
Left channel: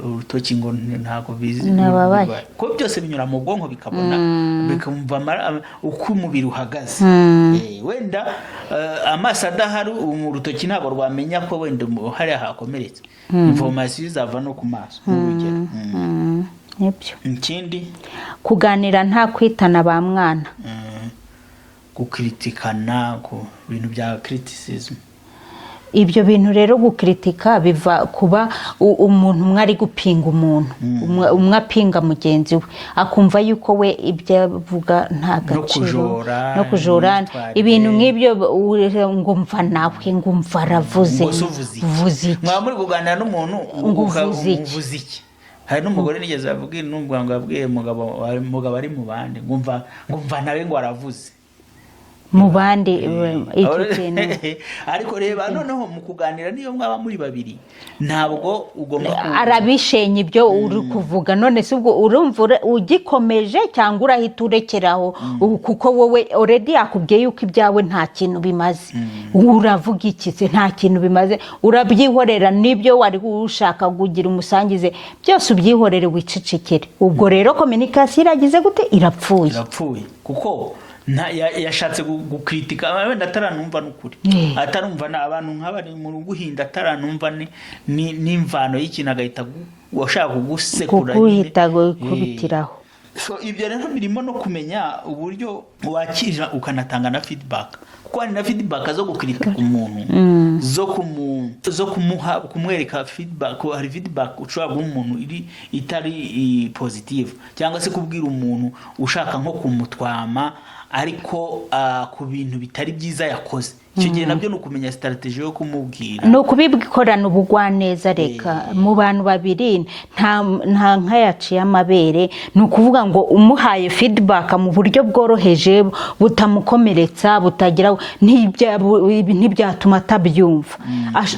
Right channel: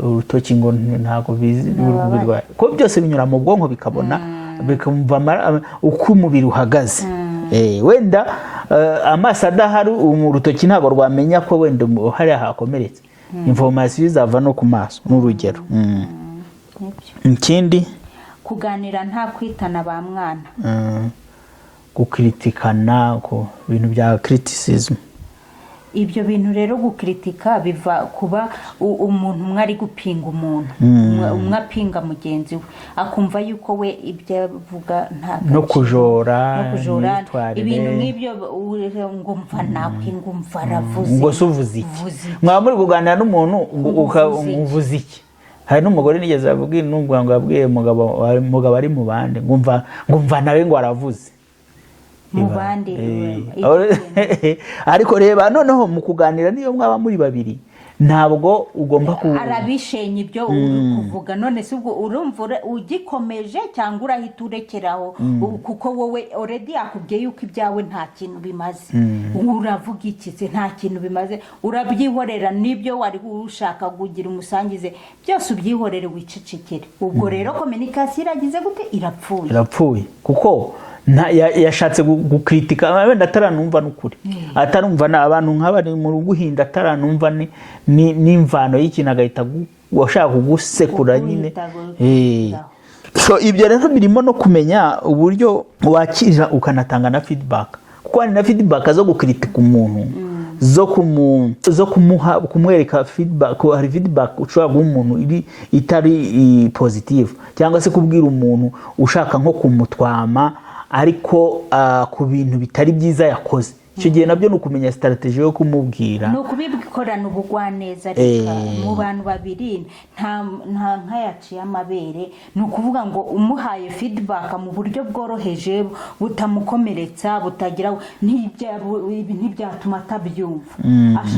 urutoki ngo ntabwo bizi, ko byose binyura mu bwonko bikabona bikumva uko umubiri uhagaze. Wenda amaso adahari urutoki ntabwo rwamenya ko wenda hari hakomeretse, information izava no ku maso n'urugero. Ikindi kuganira nta kwitana ba mwana, gukritikana ku bintu bya criticism. Ibyo bintu rero gukritika biva kuba umuntu umwe ari gupinga umuntu, umwe apinga mugenzi we, akumva yuko we ibyo avuga nta gaciro, no kujora ibintu nk'ibyo, ngo mva nawe, ngo mva aravuze, mwaba muri kuganira n'umuntu uvuze iki. Hari n'umugore nigeze ababwira ngo yabwiye umugabo ari mu bande, ngo mva nawe ngo aravuze mu bandi. Ariko reba noneho mu kuganira niyo mwaba muri babiri, ntabwo ugomba arabishenye ibyo uri kuvuga, none se ubwo urumva ugikomeje cyangwa urahita urekeraho, kuko wowe already yakubwiye yuko ibyawe nta kintu bimaze. Uravuga iki se? Nta kintu bimaze, urabyihorera. Nibyo wari ushaka kugira umusangize, byose ubyihorere wicecekere. Ubwo rero communication iragize gute? Irapfuye. Kuko yashatse gukritika, wenda ataranumva n'ukuri, atarumva abantu nk'abari mu guhinda, ataranumva n'imvano y'ikintu, agahita washaka kugusekura nyine. So ibyo rero birimo no kumenya uburyo wakira ukanatanga na feedback, kuko hari na feedback zo gukritika umuntu, zo kumwereka feedback. Hari feedback ushobora guha umuntu itari positive, cyangwa se kubwira umuntu ushaka nko kumutwama ariko ku bintu bitari byiza yakoze. Icyo gihe nabyo nukumenya strategy yo kumubwira, no kubikorana ubugwaneza. Reka mu bantu babiri nta nkayaciye amabere, no kuvuga ngo umuhaye feedback mu buryo bworoheje butamukomeretsa, butagira ntibyatuma atabyumva.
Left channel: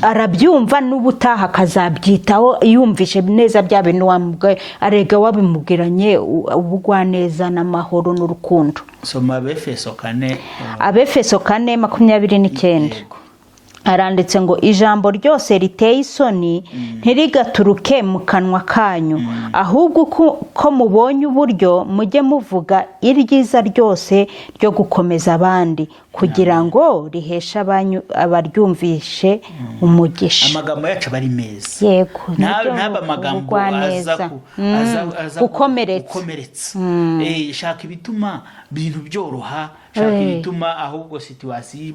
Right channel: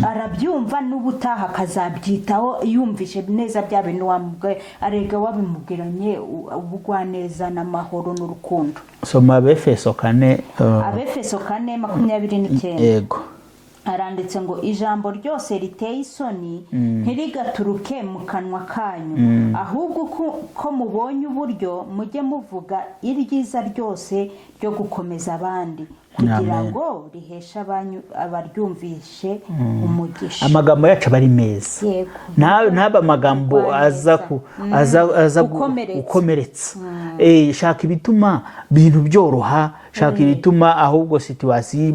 Arabyumva n'ubutaha akazabyitaho yumvishe neza bya bintu wamubwiye, arega wabimubwiranye ubugwaneza n'amahoro n'urukundo. Soma Abefeso 4:29 aranditse ngo ijambo ryose riteye isoni ntirigaturuke mu kanwa kanyu, ahubwo ko mubonye uburyo mujye muvuga iryiza ryose ryo gukomeza abandi, kugira ngo riheshe abaryumvishe umugisha. Amagambo yacu bari meza. Yego. Naba amagambo aza gukomeretsa. Shaka ibituma bintu byoroha, shaka ibituma ahubwo situation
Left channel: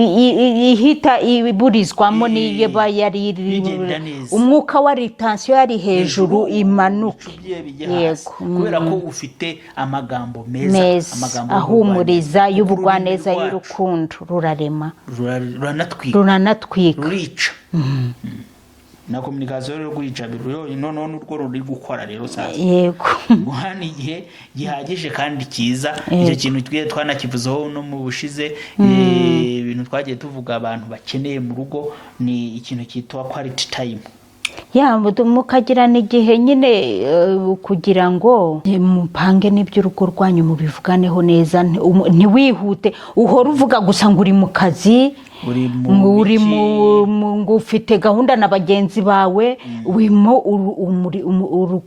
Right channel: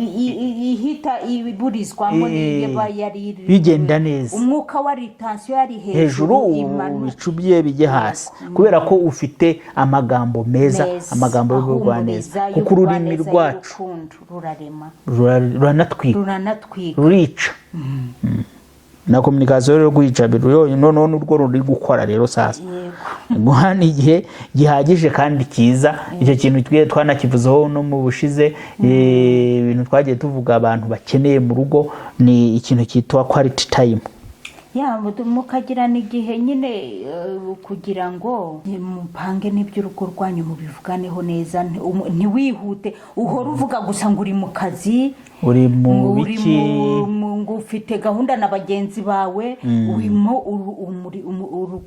ihita iburizwamo niba yari bigenda neza, umwuka wa tension yari hejuru imanuka, icubye bijye hasi, kubera ko ufite amagambo meza, amagambo ahumuriza y'ubugwaneza y'urukundo, rurarema, ruranatwika, rurica. na communication rero kwica biro none n'urwo ruri gukora rero sasa yego guhana igihe gihagije kandi cyiza icyo kintu twiye twanakivuzeho no mu bushize ibintu twagiye tuvuga abantu bakeneye mu rugo ni ikintu cyitwa quality time mukagirana igihe nyine kugira ngo mupange n'iby'urugo rwanyu mubivuganeho neza ntiwihute uhora uvuga gusa ngo uri mu kazi ngo ufite gahunda na bagenzi bawe urimo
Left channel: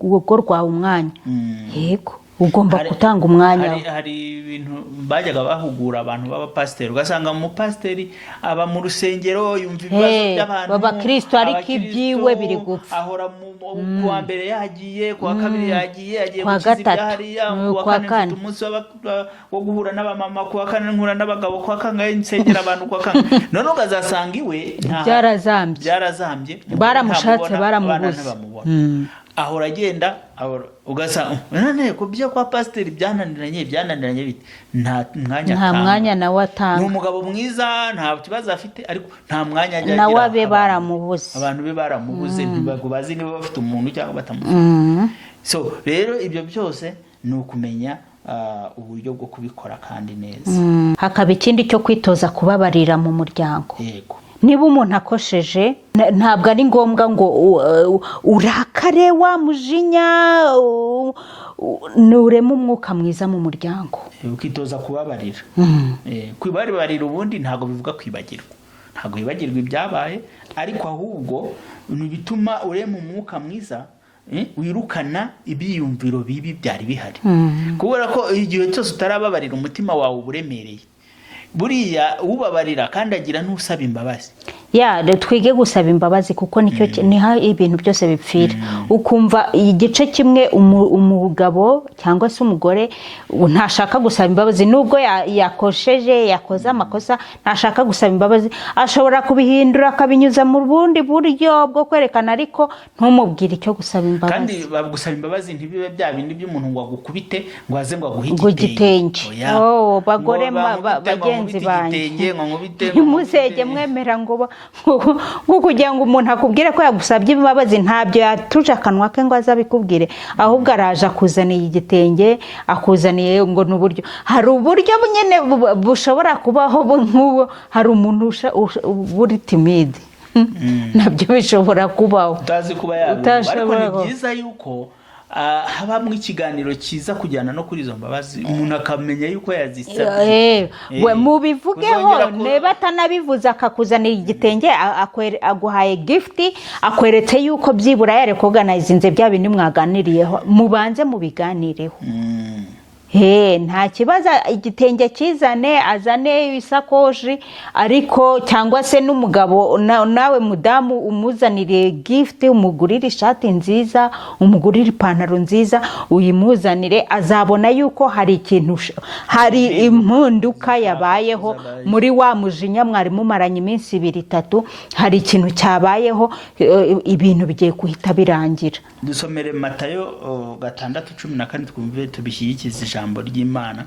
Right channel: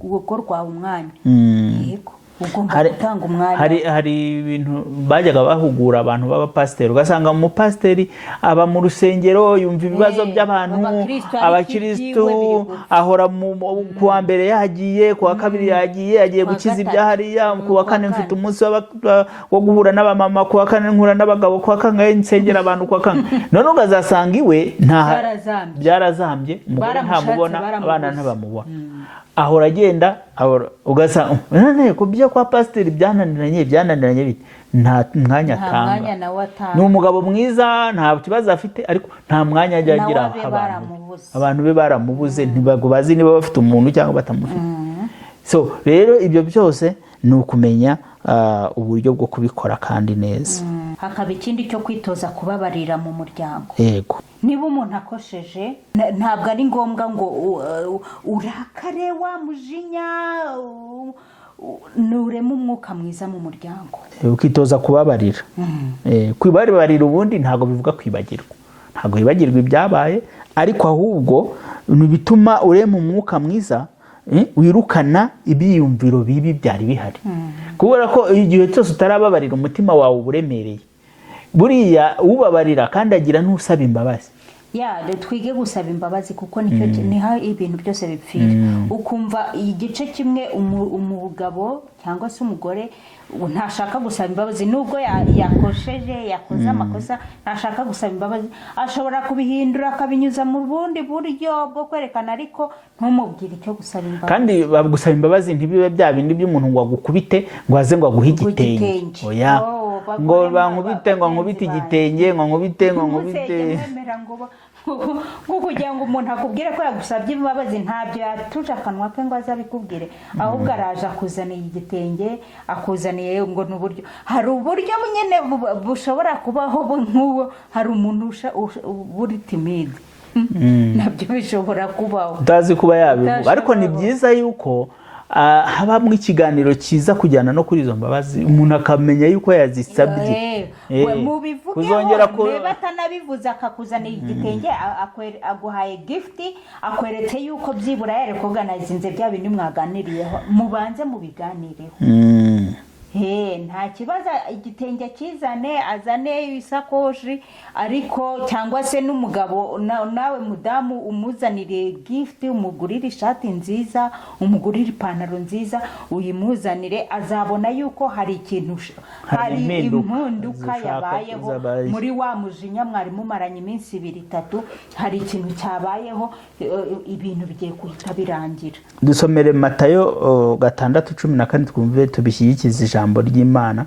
urugo rwawe umwanya yego ugomba gutanga umwanya hari ibintu bajyaga bahugura abantu b'abapasiteri ugasanga umupasiteri aba mu rusengero yumva ibibazo by'abantu abakristo ahora ku wa mbere yagiye ku wa kabiri yagiye gukiza ibyahariya ku wa kane mfite umunsi wo guhura n'abamama ku wa kane nkura n'abagabo ku wa kane nsengera abantu ku wa kane none ugazasanga iwe byarazambye baramushatse baramubuze ahora agenda ugasanga ku byo kwa pasiteri byananiranye bite nta mwanya nawe atanga ni umugabo mwiza nta kibazo afite ariko nta mwanya ajya agira nawe be baramubuze abantu be baramubuze ntibago bazi niba bafite umuntu cyangwa batamufite so rero ibyo byose ni ukumenya uburyo bwo kubikora kandi neza hakaba ikindi cyo kwitoza kubabarira mu muryango yego niba umuntu akosheje ntabwo ari ngombwa ngo urakare wa mujinya nuremo umwuka mwiza mu muryango ukitoza kubabarira kwibabarira ubundi ntabwo bivuga kwibagirwa ntabwo wibagirwa ibyabaye ariko ahubwo bituma urema umwuka mwiza wirukana ibyiyumviro bibi byari bihari kubera ko igihe cyose utarababarira umutima wawe uburemereye buriya ubabarira kandi agira n'usaba imbabazi twige gusaba imbabazi kuko nicyo niho ibintu byose bipfira ukumva igice kimwe umugabo cyangwa se umugore ntashaka gusaba imbabazi nubwo yakosheje yakoze amakosa ntashaka gusaba imbabazi ashobora kubihindura akabinyuza mu bundi buryo bwo kwerekana ariko ntumubwire icyo gusaba imbabazi kandi gusaba imbabazi ntibibe bya bindi by'umuntu ngo agukubite ngo aze ngo aguhe igitenge bagore bagenzi banjye musenge mwemera ngo kugira ngo umuntu akubwire ko yagusabye imbabazi ntabyo yatuje akanwa ke ngo azabikubwire ahubwo araje akuzaniye igitenge akuzaniye ngo n'uburyo hari uburyo nyine bushobora kubaho nk'uwo hari umuntu buri timide nabyo bishobora kubaho utazi kuba yabivuga ariko ni byiza yuko habamo ikiganiro cyiza kujyana no kuri izo mbabazi umuntu akamenya yuko yazisabye mubivugeho niba atanabivuze akakuzanira igitenge aguhaye gift akweretse yuko byibura yare kuganizinze bya bindi mwaganiriyeho mubanze mubiganireho nta kibazo igitenge kizane azane isakoshi ariko cyangwa se n'umugabo nawe mudamu umuzanire gift umugurire ishati nziza umugurire ipantaro nziza uyimuzanire azabona yuko hari ikintu hari impinduka yabayeho muri wa mujinya mwari mumaranye iminsi 2-3 hari ikintu cyabayeho ibintu bigiye guhita birangira dusomere Matayo 6:14 twumve tubishyikize ijambo ry'Imana.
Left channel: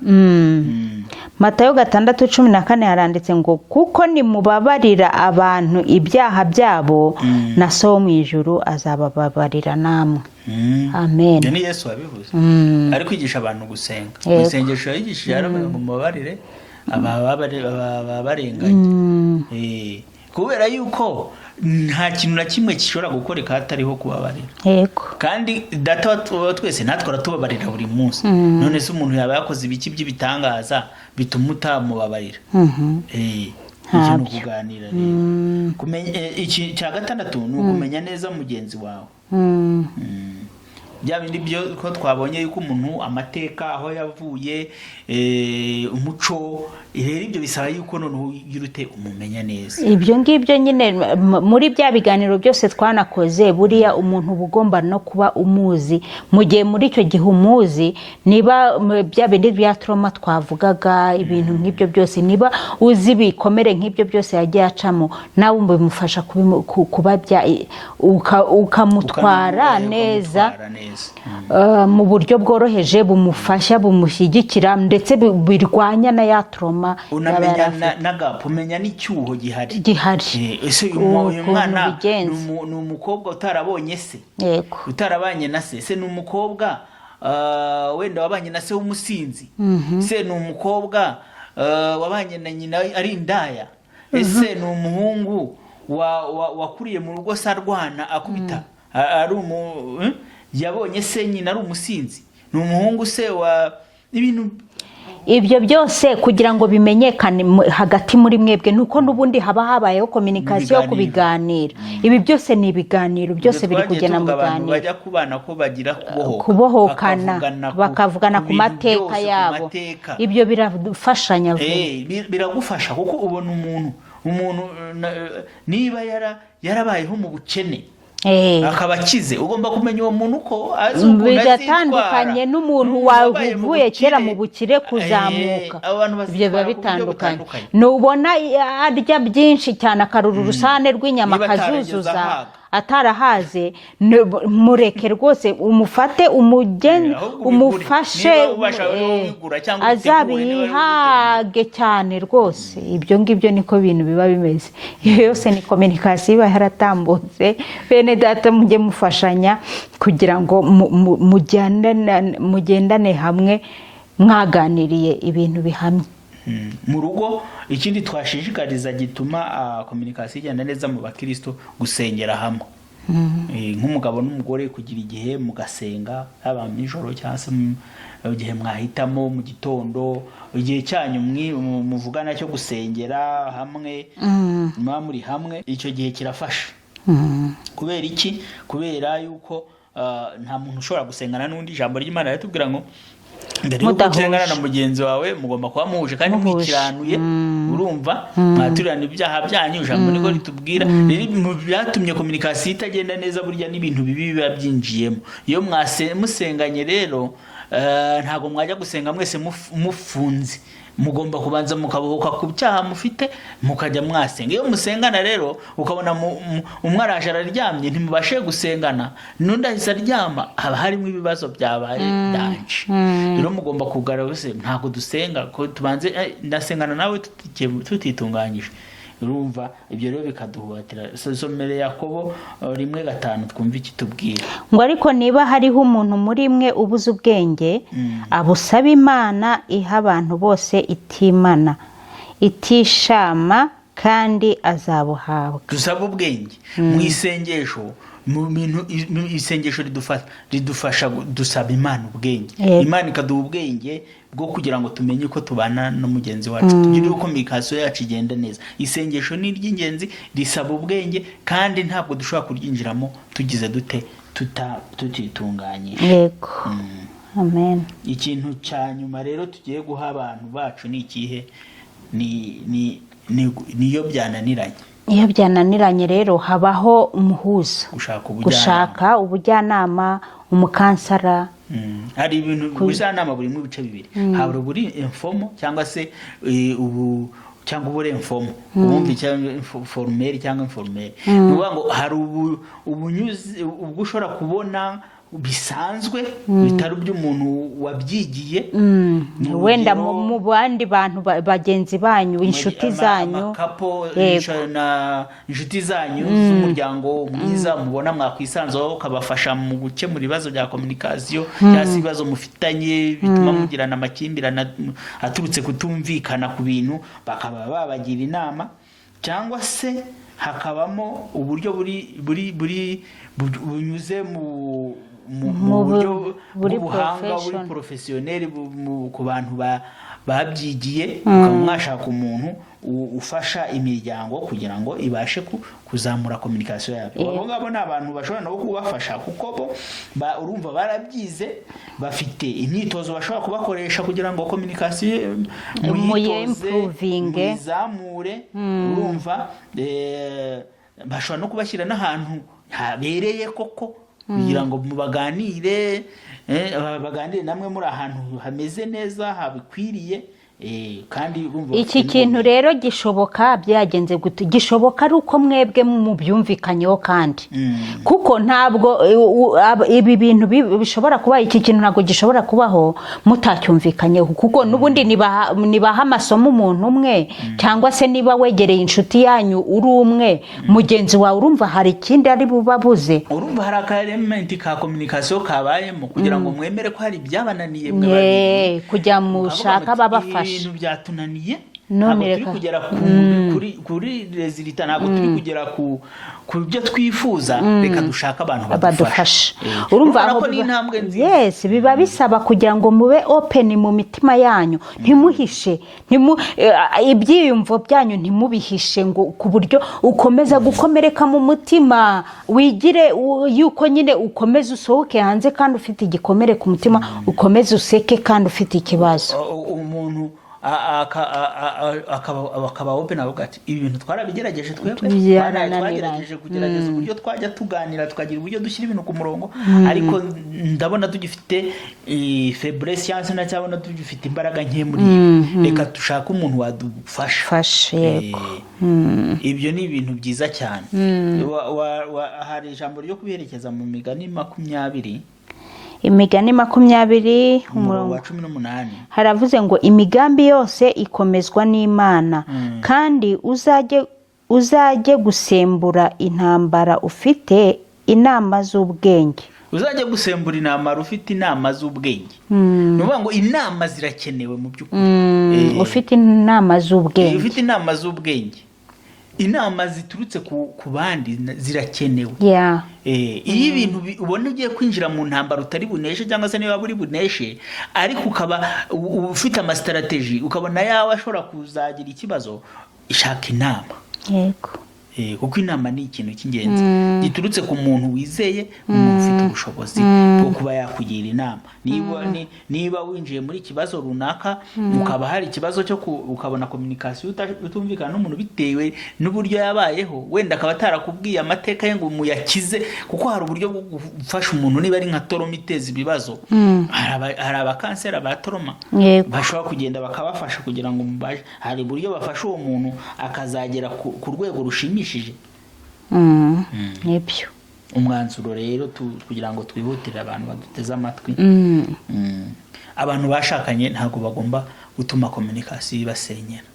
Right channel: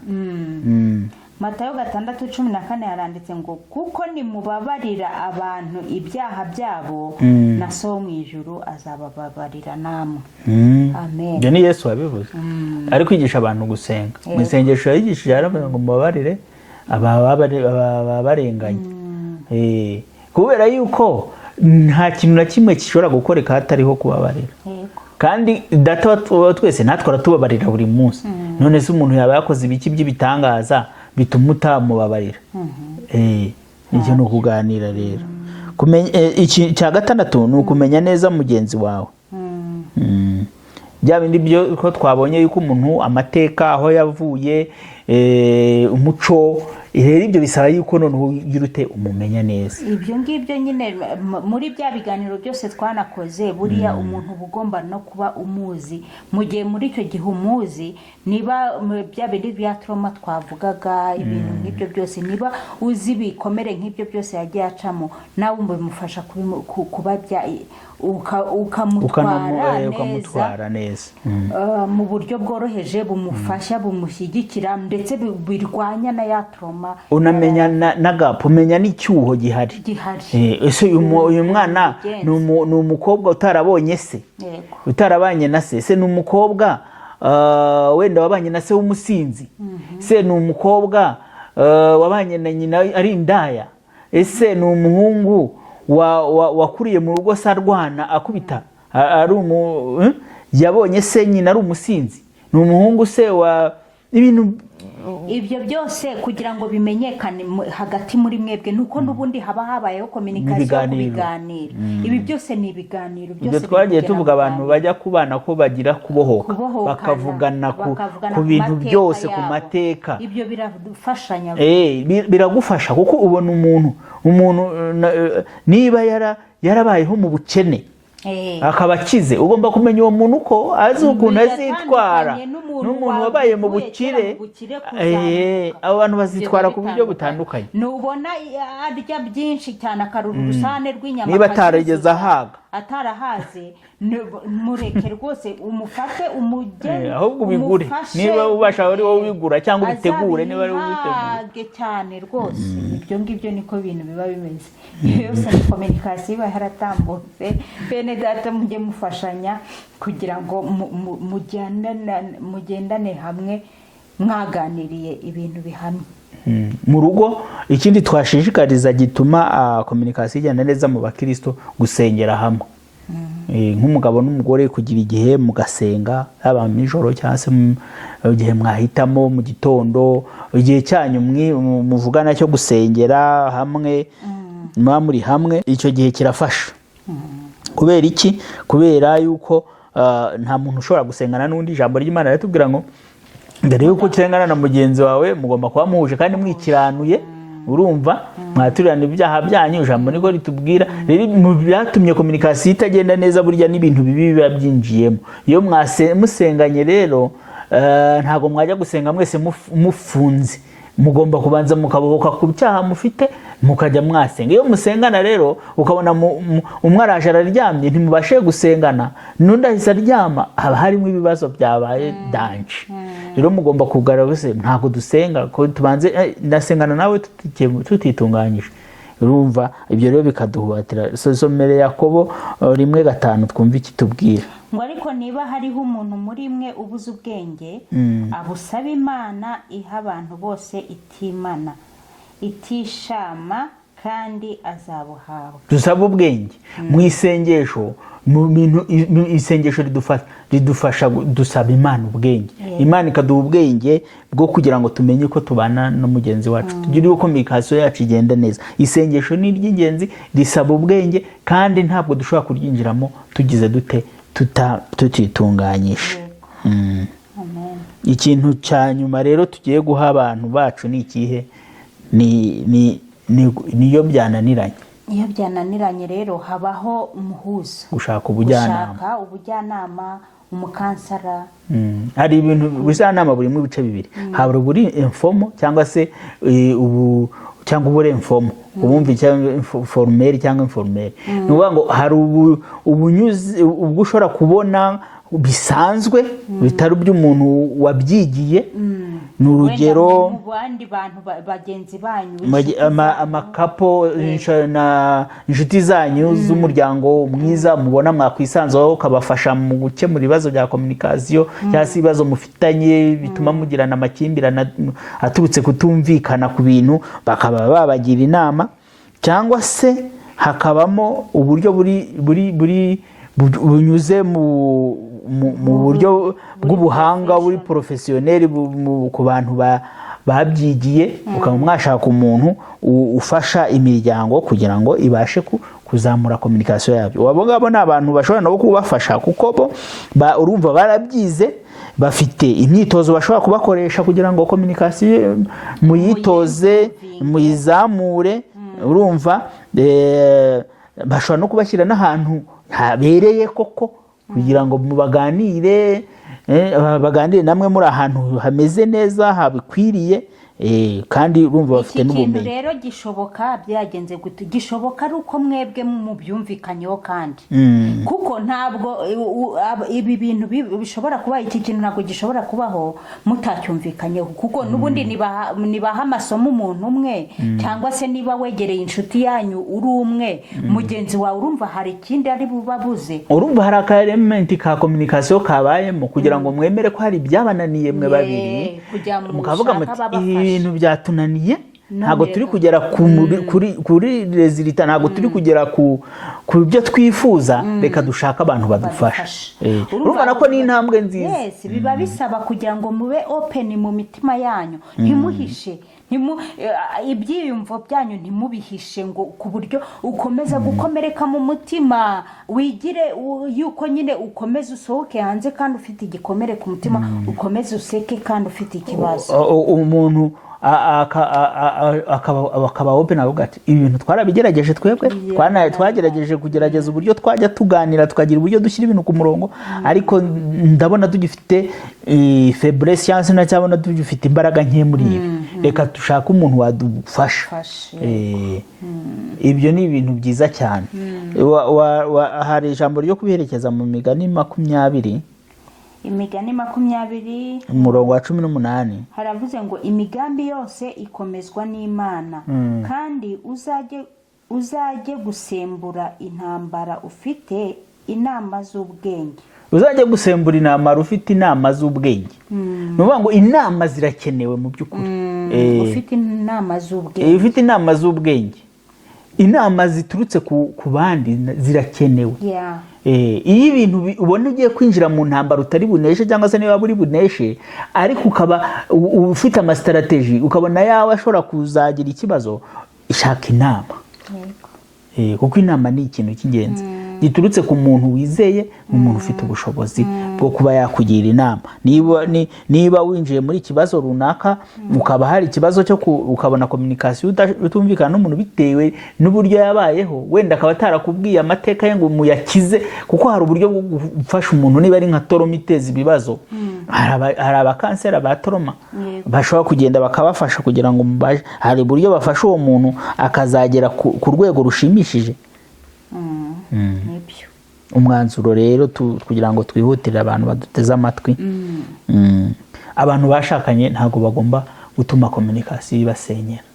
Matayo 6:14 haranditse ngo kuko nimubabarira abantu ibyaha byabo na so mu ijuru azabababarira namwe. Amen. Ni Yesu wabivuze. Ari kwigisha abantu gusenga. Isengesho yigishije aravuga ngo mubabarire ababarenganye. Kubera yuko nta kintu na kimwe gishobora gukoreka hatariho kubabarira. Yego. Kandi data twese natwara tubabarira buri munsi. None se umuntu yaba yakoze ibiki by'ibitangaza bituma utamubabarira. Icyo no kuganira rero. Kumenya iki cya gatandatu ni ukumenya neza mugenzi wawe. Bya bindi byo ko twabonye yuko umuntu amateka aho yavuye umuco ibyo bisaba yuko noneho yirute umumenya neza. Ibyo ngibyo nyine muri bya biganiro byose twanakoze buriya umuntu bugomba no kuba umuzi mu gihe muri icyo gihe umuzi niba bya bindi bya trauma twavugaga ibintu nk'ibyo byose niba uzi bikomere nk'ibyo byose yagiye acamo nawe bimufasha kuba ukamutwara neza mu buryo bworoheje bumufasha bumushyigikira ndetse birwanya na ya trauma umutima unamenya n'agapu, umenya n'icyuho gihari. Ese uyu mwana ni umukobwa utarabonye se, utarabanye na se, se ni umukobwa wenda wabanye na se w'umusinzi, se ni umukobwa wabanye na nyina ari indaya, ese ni umuhungu wakuriye mu rugo se arwana akubita, yabonye se nyina ari umusinzi, ni umuhungu se wa ibintu. Ibyo byose kugira ngo bimenyekane hagati muri mwebwe nuko n'ubundi haba habayeho communication yo kubiganira. Ibi byose ni ibiganiro, byose biri kugena mu biganiro. Abantu bajya kubana ko bagira kubohokana, bakavugana ku mateka yabo. Ibyo birafashanya, biragufasha kuko ubona umuntu niba yarabayeho mu bukene akaba akize, ugomba kumenya uwo muntu ko azi ukuntu azitwara n'umuntu wavuye kera mu bukire kuzamuka. Abo bantu bazitwara ku buryo butandukanye. Nubona arya byinshi cyane akarura urusane rw'inyama akazuzuza atarahaze, mureke rwose umufate umufashe azabihage cyane rwose. Ibyo ngibyo niko bintu biba bimeze. Iyo yose ni communication iba yaratambutse. Bene data mujye mufashanya kugira ngo mugendane hamwe mwaganiriye ibintu bihamye mu rugo. Ikindi twashishikariza gituma communication igenda neza mu bakristo, gusengera hamwe. Nk'umugabo n'umugore kugira igihe mugasenga, haba mu ijoro cyangwa se igihe mwahitamo mu gitondo, igihe cyanyu muvugana cyo gusengera hamwe, muba muri hamwe, icyo gihe kirafasha. Kubera iki? Kubera yuko nta muntu ushobora gusengana n'undi. Ijambo ry'Imana ritubwira ngo mbere yuko utengana na mugenzi wawe mugomba kuba muhuje kandi mwikiranuye, urumva, mwaturirana ibyaha byanyu. Ijambo niko ritubwira. Mu byatumye communication itagenda neza burya n'ibintu bibi biba byinjiyemo. Iyo musenganye rero ntago mwajya gusenga mwese mufunze, mugomba kubanza mukabohoka ku cyaha mufite mukajya mwasenga. Iyo musengana rero ukabona umwe araje araryamye ntimubashe gusengana, n'undi ahise aryama, haba harimo ibibazo byabaye danje. Rero mugomba kugaragaza ntago dusenga ko tubanze ndasengana nawe tutitunganyije. Urumva, ibyo rero bikaduhubatira. Somere Yakobo 1:5 twumva iki tubwira ngo ariko niba hariho umuntu muri mwe ubuze ubwenge, abusaba Imana iha abantu bose itimana itishama, kandi azabuhabwa. Dusaba ubwenge mu isengesho. Isengesho ridufasha dusaba Imana ubwenge. Imana ikaduha ubwenge bwo kugira ngo tumenye uko tubana no mugenzi wacu, tugire uko communication yacu igenda neza. Isengesho ni ry'ingenzi, risaba ubwenge, kandi ntabwo dushobora kuryinjiramo tugize dute tutitunganyije. Yego. Amen. Ikintu cya nyuma rero tugiye guha abantu bacu ni ikihe? Niyo byananiranye. Iyo byananiranye rero habaho umuhuza, gushaka ubujyanama, umukansara. Hari ibintu ubujyanama buri mu bice bibiri. Hari uburi informal cyangwa se cyangwa ubure informal, ubumvi cyangwa formel cyangwa informel. Nuvuga ngo hari ubunyuzi ubwo ushobora kubona bisanzwe bitari by'umuntu wabyigiye. Wenda mu bandi bantu bagenzi banyu, inshuti zanyu, amakapo na inshuti zanyu z'umuryango mwiza, mubona mwakwisanzaho ukabafasha mu gukemura ibibazo bya communication cyangwa se ibibazo mufitanye bituma mugirana amakimbirane aturutse kutumvikana ku bintu, bakaba babagira inama. Cyangwa se hakabamo uburyo bunyuze mu buryo bw'ubuhanga, buri professionnel ku bantu babyigiye. Ukaba mwashaka umuntu ufasha imiryango kugira ngo ibashe kuzamura communication yabyo. Wabo ngabo ni abantu bashobora no kubafasha kuko bo urumva barabyize, bafite imyitozo bashobora kubakoresha kugira ngo communication muyitoze, muyizamure. Urumva, bashobora no kubashyira n'ahantu habereye koko kugira ngo baganire namwe muri ahantu hameze neza habikwiriye. kandi urumva iki kintu rero gishoboka byagenze gute? Gishoboka ari uko mwebwe mubyumvikanyeho kandi kuko ntabwo ibi bintu bishobora kuba, iki kintu ntabwo gishobora kubaho mutacyumvikanyeho, kuko n'ubundi nibaha amasomo umuntu umwe cyangwa se niba wegereye inshuti yanyu uri umwe mugenzi wawe, urumva hari ikindi ari bubabuze, urumva hari akaelementi ka communication kabayemo kugira ngo mwemere ko hari ibyabananiye mwe babiri, kujya mushaka babafasha. Ibintu byatunaniye ntabwo turi kugera kuri resultat, ntabwo turi kugera ku byo twifuza, reka dushaka abantu badufasha. Urumva ko ni intambwe nziza. Yes, biba bisaba kugira ngo mube open mu mitima yanyu, ntimuhishe ibyiyumvo byanyu, ntimubihishe ngo ku buryo ukomeza gukomereka mu mutima, wigire yuko nyine ukomeze usohoke hanze kandi ufite igikomere ku mutima, ukomeze useke kandi ufite ikibazo. Umuntu akaba open avuga ati ibintu twarabigerageje, twebwe twagerageje kugerageza uburyo twajya tuganira tukagira uburyo dushyira ibintu ku murongo, ariko ndabona tugifite faiblesse cyangwa se nacyabona tugifite imbaraga nke muri reka dushaka umuntu wadufasha. Ibyo ni ibintu byiza cyane. Hari ijambo ryo kubiherekeza mu Migani 20, Imigani 20 umurongo wa 18 haravuze ngo imigambi yose ikomezwa n'Imana, kandi uzajye gusembura intambara ufite inama z'ubwenge. Uzajye gusembura intambara ufite inama z'ubwenge. Nuvuga ngo inama zirakenewe mu by'ukuri. Ufite inama z'ubwenge. Ufite inama z'ubwenge. Inama ziturutse ku bandi zirakenewe. Iyo ibintu ubona ugiye kwinjira mu ntambara utari buneshe cyangwa se niba buri buneshe, ariko ukaba ufite ama-strategy, ukabona yawe ashobora kuzagira ikibazo, ishaka inama. Yego. Kuko inama ni ikintu cy'ingenzi giturutse ku muntu wizeye, umuntu ufite ubushobozi bwo kuba yakugira inama. Niba winjiye muri ikibazo runaka, ukaba hari ikibazo cyo ukabona communication utumvikana n'umuntu bitewe n'uburyo yabayeho, wenda akaba atarakubwiye amateka ye ngo muyakize, kuko hari uburyo bwo gufasha umuntu niba ari nka toroma iteza ibibazo. Hari abakansera ba toroma bashobora kugenda bakabafasha kugira ngo hari uburyo bafasha uwo muntu akazagera ku rwego rushimishije. Nibyo umwanzuro rero kugira ngo twihutire abantu baduteze amatwi. Abantu bashakanye ntabwo bagomba gutuma communication ibasenyera.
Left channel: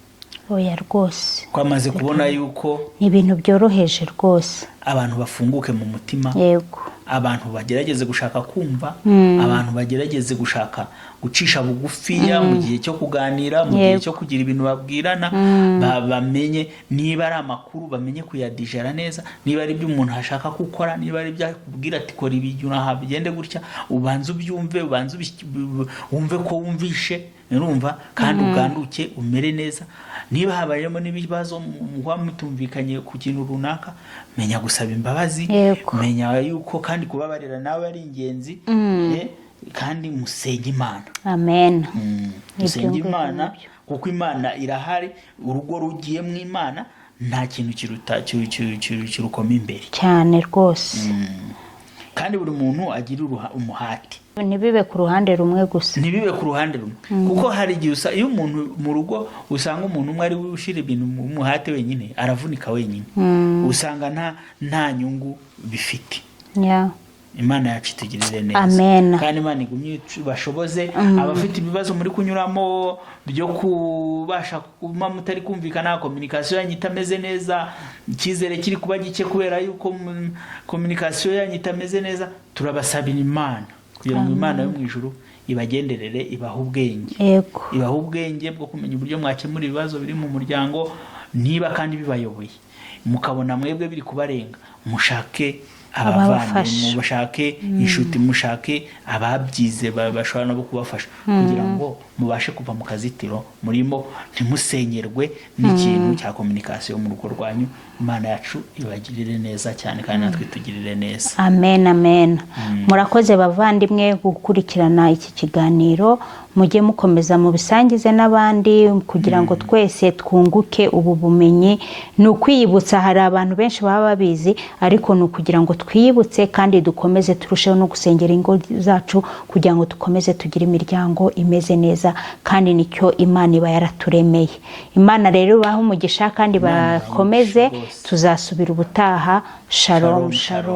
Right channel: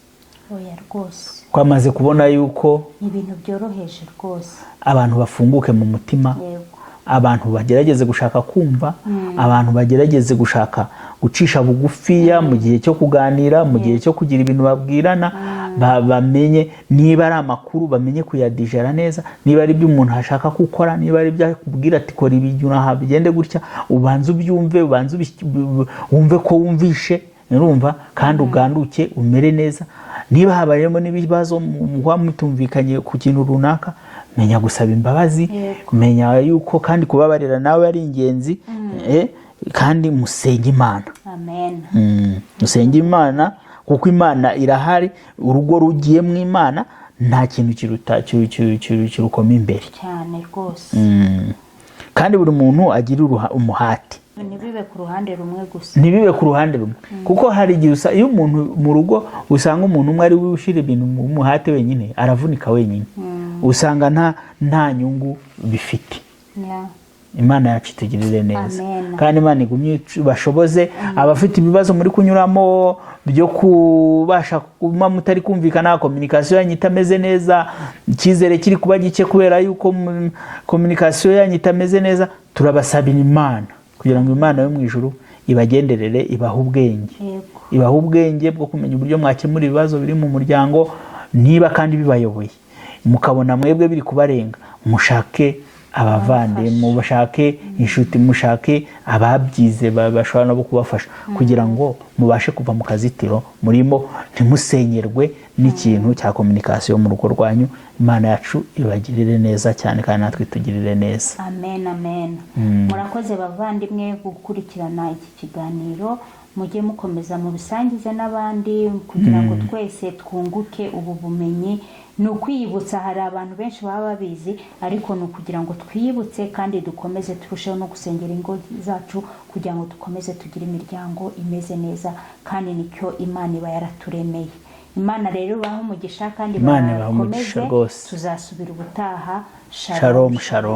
Oya rwose, twamaze kubona yuko ibintu byoroheje rwose, abantu bafunguke mu mutima. Yego. Abantu bagerageze gushaka kumva, abantu bagerageze gushaka gucisha bugufiya mu gihe cyo kuganira, mu gihe cyo kugira ibintu babwirana, bamenye niba ari amakuru bamenye kuyadigera neza, niba ari ibyo umuntu ashaka gukora, niba ari ibyo akubwira ati kora ibi naha bigende gutya, ubanze ubyumve, ubanze wumve ko wumvishe, urumva, kandi uganduke umere neza. Niba habayemo n'ibibazo muba mutumvikanye ku kintu runaka, menya gusaba imbabazi, menya yuko kandi kubabarira nawe ari ingenzi, kandi musenge Imana. Amen. Musenge Imana kuko Imana irahari, urugo rugiye mu Imana nta kintu kirukoma imbere cyane rwose. Kandi buri muntu agira umuhati, ntibibe ku ruhande rumwe gusa, ntibibe ku ruhande rumwe, kuko hari igihe iyo umuntu mu rugo usanga umuntu umwe ari we ushyira ibintu mu muhate wenyine, aravunika wenyine, usanga nta nyungu bifite. Imana yacu itugirire neza. Kandi Imana igumye bashoboze abafite ibibazo muri kunyuramo byo kubasha kuba mutari kumvikana, communication yanyu itameze neza, icyizere kiri kuba gike kubera yuko communication yanyu itameze neza, turabasabira Imana kugira ngo Imana yo mu ijuru ibagenderere, ibaha ubwenge. Ibaha ubwenge bwo kumenya uburyo mwakemura ibibazo biri mu muryango, niba kandi bibayoboye mukabona mwebwe biri kubarenga, mushake abavandimwe, mushake inshuti, mushake ababyize bashobora no kubafasha kugira ngo mubashe kuva mu kazitiro murimo, ntimusenyerwe n'ikintu cya communication mu rugo rwanyu. Imana yacu ibagirire neza cyane kandi natwe tugirire neza. Amen, amen. Murakoze bavandimwe gukurikirana iki kiganiro, mujye mukomeza mu bisangize n'abandi kugira ngo twese twunguke ubu bumenyi. Ni ukwiyibutsa, hari abantu benshi baba babizi, ariko ni ukugira ngo twiyibutse kandi dukomeze turusheho no gusengera ingo zacu kugira ngo dukomeze tugire imiryango imeze neza, kandi nicyo Imana iba yaraturemeye. Imana rero ibahe umugisha kandi bakomeze, tuzasubira ubutaha. Shalom, shalom.